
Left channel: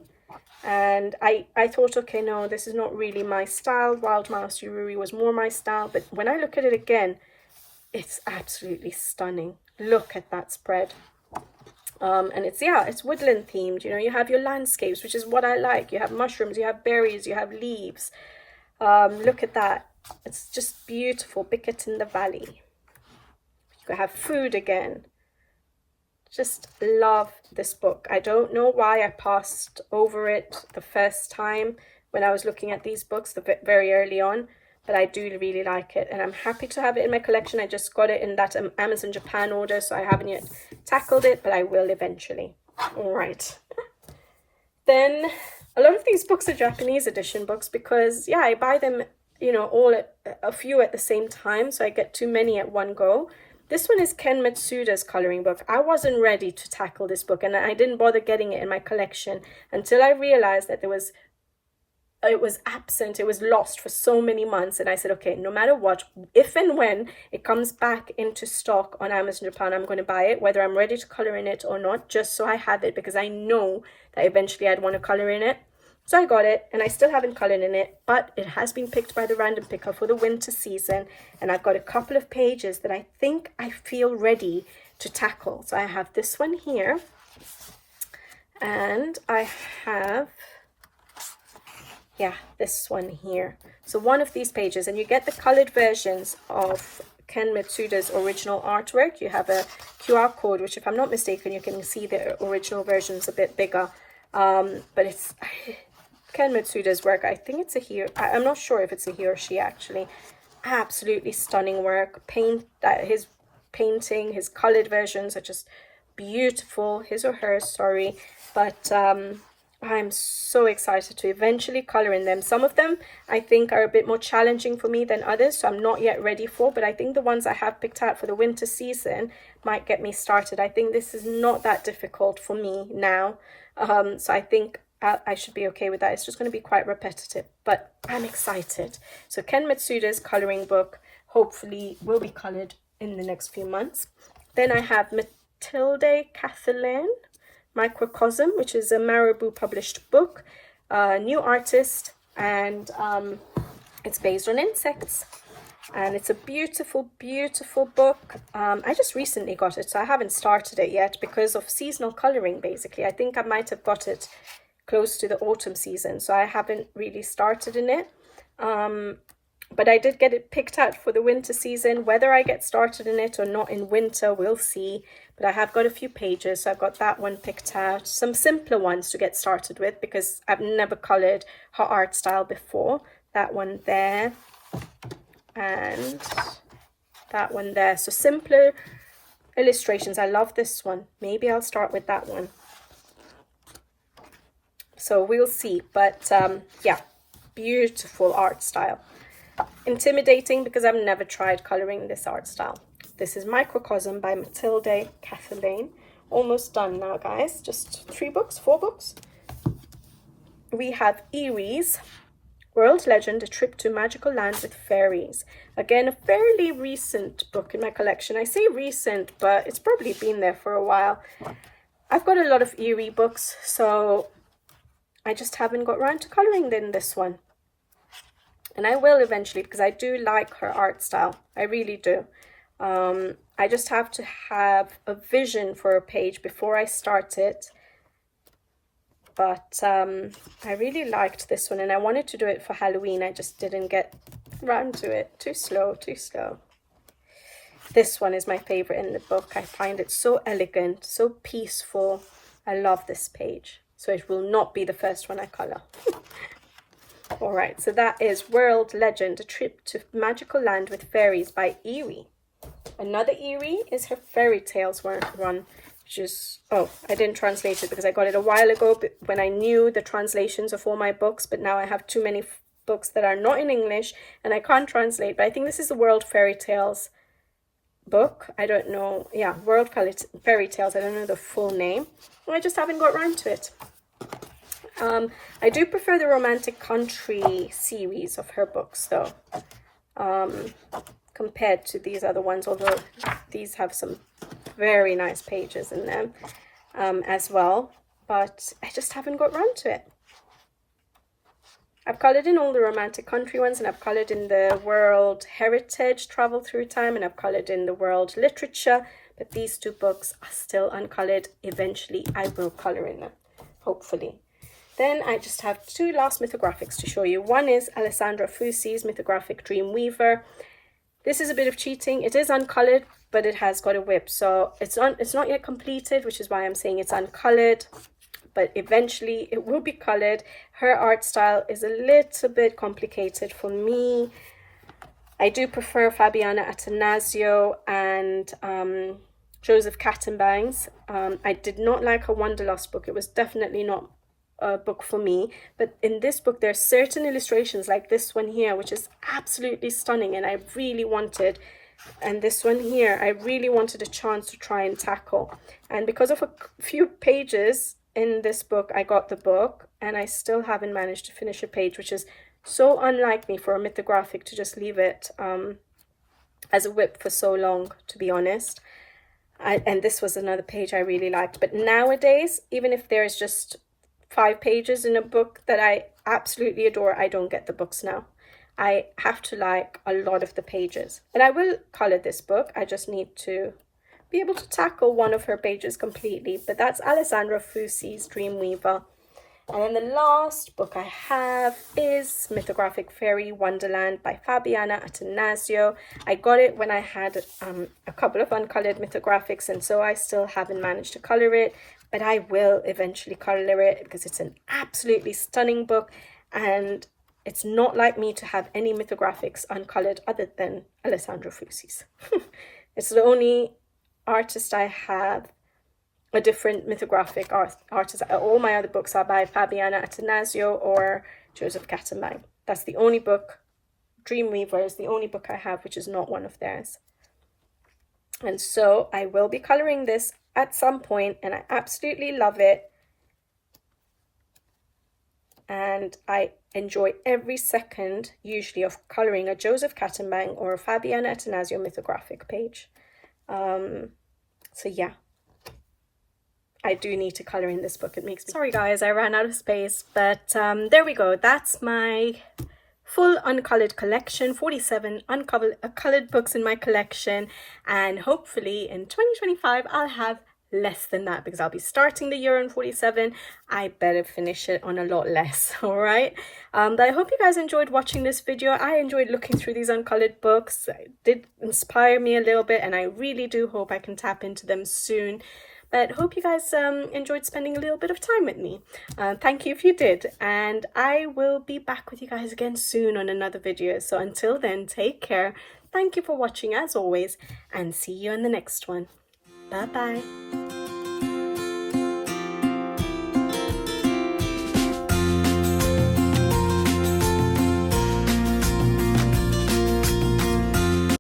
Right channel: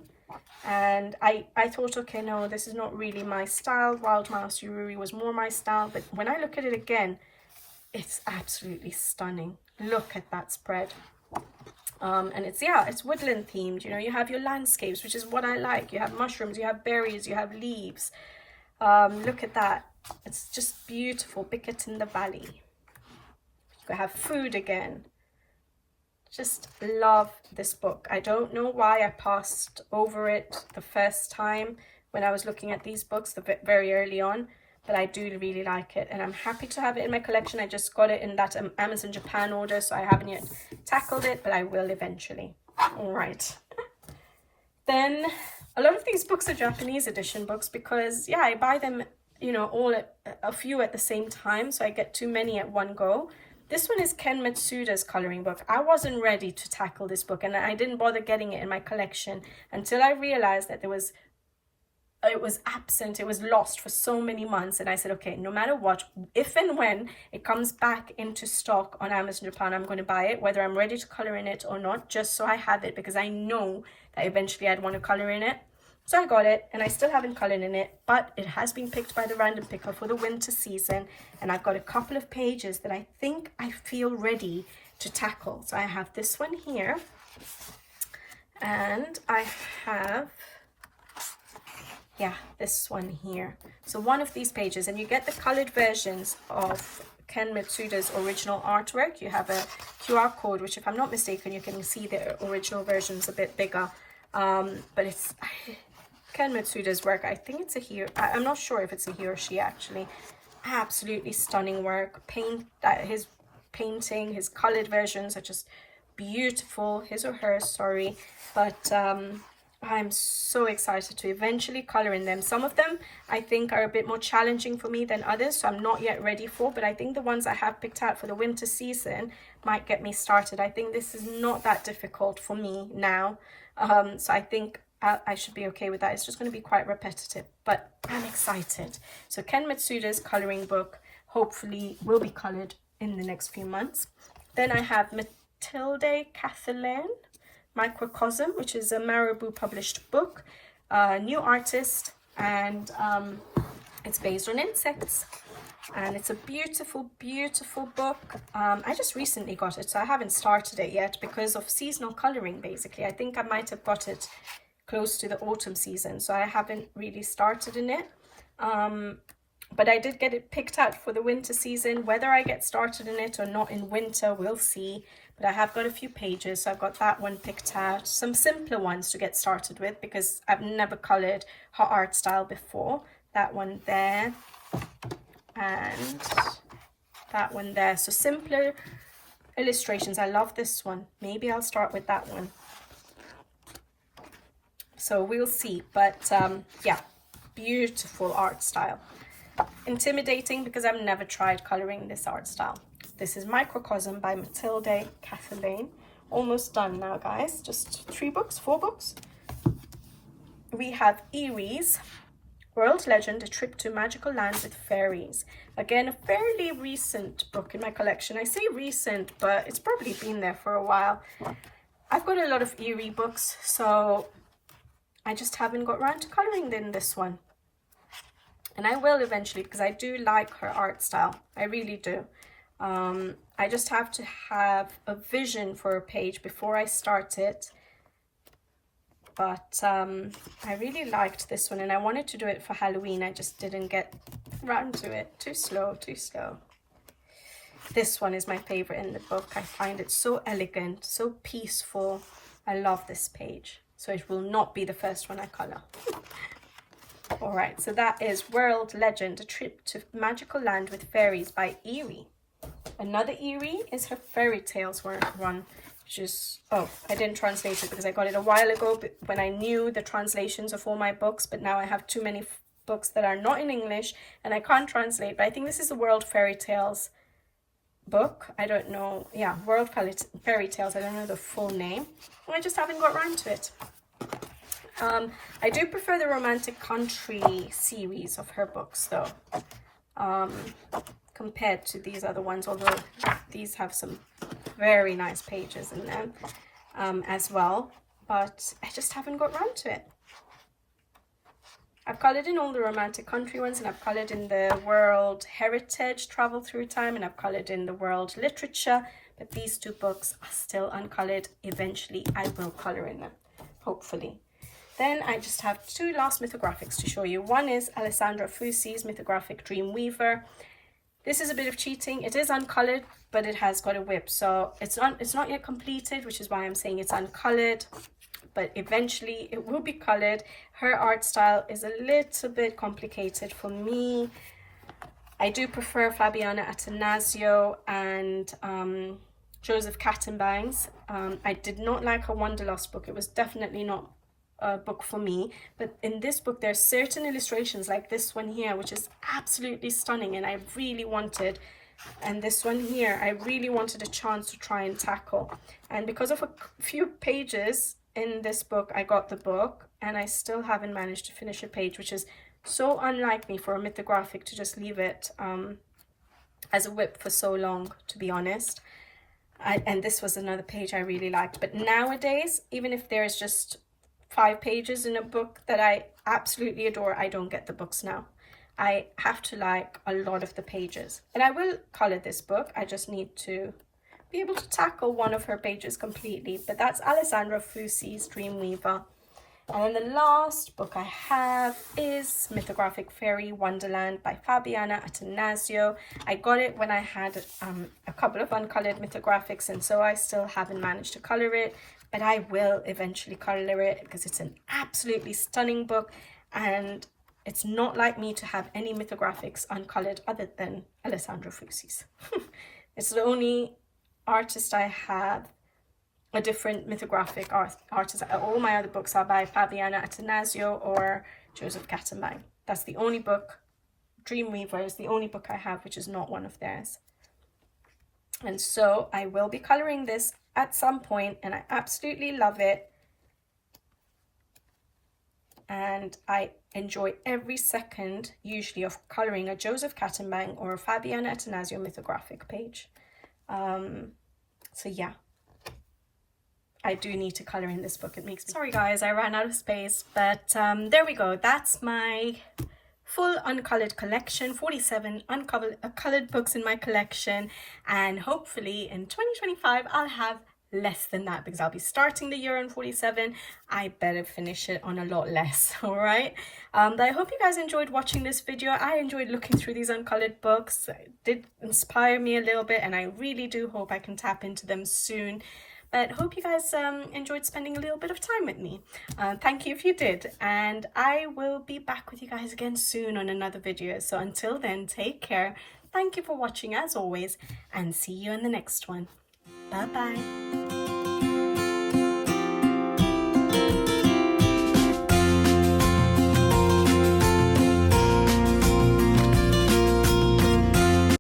and I thought, okay, no, this is not really my style. Wild Mouse Yururi was more my style, but when I look at it again, it's absolutely stunning. Look at that spread. And it's woodland themed. You know, you have your landscapes, which is what I like. You have mushrooms, you have berries, you have leaves. Look at that. It's just beautiful. Bicket in the Valley. You have food again. Just love this book. I don't know why I passed over it the first time when I was looking at these books very early on, but I do really like it, and I'm happy to have it in my collection. I just got it in that Amazon Japan order, so I haven't yet tackled it, but I will eventually. All right. Then a lot of these books are Japanese edition books because, yeah, I buy them, you know, a few at the same time, so I get too many at one go. This one is Ken Matsuda's coloring book. I wasn't ready to tackle this book, and I didn't bother getting it in my collection until I realized that it was absent, it was lost for so many months. And I said, okay, no matter what, if and when it comes back into stock on Amazon Japan, I'm going to buy it, whether I'm ready to color in it or not, just so I have it, because I know that eventually I'd want to color in it. So I got it, and I still haven't colored in it, but it has been picked by the random picker for the winter season, and I've got a couple of pages that I think I feel ready to tackle. So I have this one here, and I have, yeah, this one here. So one of these pages, and you get the colored versions of Ken Matsuda's original artwork. You have a QR code, which if I'm not mistaken, you can see the original version's a bit bigger, but it's Ken Matsuda's work. I think it's a he. I'm not sure if it's a he or she actually. Absolutely stunning work. His painting, his colored versions are just beautiful. His or hers, sorry. But I'm so excited to eventually color in them. Some of them I think are a bit more challenging for me than others, so I'm not yet ready for, but I think the ones I have picked out for the winter season might get me started. I think this is not that difficult for me now, so I think I should be okay with that. It's just going to be quite repetitive, but I'm excited. So Ken Matsuda's coloring book hopefully will be colored in the next few months. Then I have Matilde Kathleen Microcosm, which is a Marabou published book, new artist, and it's based on insects, and it's a beautiful, beautiful book. I just recently got it, so I haven't started it yet because of seasonal coloring, basically. I think I might have got it close to the autumn season, so I haven't really started in it, but I did get it picked out for the winter season. Whether I get started in it or not in winter, we'll see, but I have got a few pages, so I've got that one picked out, some simpler ones to get started with because I've never colored her art style before. That one there and that one there, so simpler illustrations. I love this one. Maybe I'll start with that one. So we'll see, but yeah, beautiful art style. Intimidating because I've never tried coloring this art style. This is Microcosm by Matilde Kathleen. Almost done now, guys. Just 4 books. We have Fairies, World Legend, A Trip to Magical Land with Fairies. Again, a fairly recent book in my collection. I say recent, but it's probably been there for a while. I've got a lot of Fairy books, so I just haven't got around to coloring in this one. And I will eventually because I do like her art style. I really do. I just have to have a vision for a page before I start it. But I really liked this one and I wanted to do it for Halloween. I just didn't get around to it. Too slow. This one is my favorite in the book. I find it so elegant, so peaceful. I love this page. So it will not be the first one I color. All right, so that is World Legend, A Trip to Magical Land with Fairies by Eerie. Another Eerie is her Fairy Tales one, which is, oh, I didn't translate it because I got it a while ago when I knew the translations of all my books, but now I have too many books that are not in English and I can't translate, but I think this is the World Fairy Tales book. I don't know, yeah, World Fairy Tales, I don't know the full name. I just haven't got around to it. I do prefer the Romantic Country series of her books though, compared to these other ones, although these have some very nice pages in them as well, but I just haven't got around to it. I've colored in all the Romantic Country ones, and I've colored in the World Heritage Travel Through Time, and I've colored in the World Literature, but these two books are still uncolored. Eventually I will color in them, hopefully. Then I just have two last mythographics to show you. One is Alessandra Fusi's mythographic Dreamweaver. This is a bit of cheating. It is uncolored, but it has got a whip, so it's not yet completed, which is why I'm saying it's uncolored, but eventually it will be colored. Her art style is a little bit complicated for me. I do prefer Fabiana Attanasio and Joseph Kattenbangs. I did not like her Wanderlust book. It was definitely not a book for me, but in this book there are certain illustrations like this one here, which is absolutely stunning, and I really wanted, and this one here, I really wanted a chance to try and tackle. And because of a few pages in this book, I got the book, and I still haven't managed to finish a page, which is so unlike me for a mythographic to just leave it as a whip for so long, to be honest. And this was another page I really liked. But nowadays, even if there's just 5 pages in a book that I absolutely adore, I don't get the books now. I have to like a lot of the pages. And I will color this book. I just need to be able to tackle one of her pages completely. But that's Alessandra Fusi's Dreamweaver. And then the last book I have is Mythographic Fairy Wonderland by Fabiana Attanasio. I got it when I had a couple of uncolored mythographics, and so I still haven't managed to color it, but I will eventually color it because it's an absolutely stunning book, and it's not like me to have any mythographics uncolored other than Alessandra Fusi's. It's the only artist I have a different mythographic artist. All my other books are by Fabiana Attanasio or Joseph Kattenbang. That's the only book. Dreamweaver is the only book I have which is not one of theirs. And so I will be coloring this at some point, and I absolutely love it. And I enjoy every second, usually, of coloring a Joseph Kattenbang or a Fabiana Attanasio mythographic page. So yeah. I do need to color in this book. It makes me... Sorry guys, I ran out of space, but there we go. That's my full uncolored collection, 47 colored books in my collection, and hopefully in 2025 I'll have less than that because I'll be starting the year on 47. I better finish it on a lot less, all right? But I hope you guys enjoyed watching this video. I enjoyed looking through these uncolored books. It did inspire me a little bit, and I really do hope I can tap into them soon. But hope you guys enjoyed spending a little bit of time with me. Thank you if you did. And I will be back with you guys again soon on another video. So until then, take care. Thank you for watching as always, and see you in the next one. Bye-bye.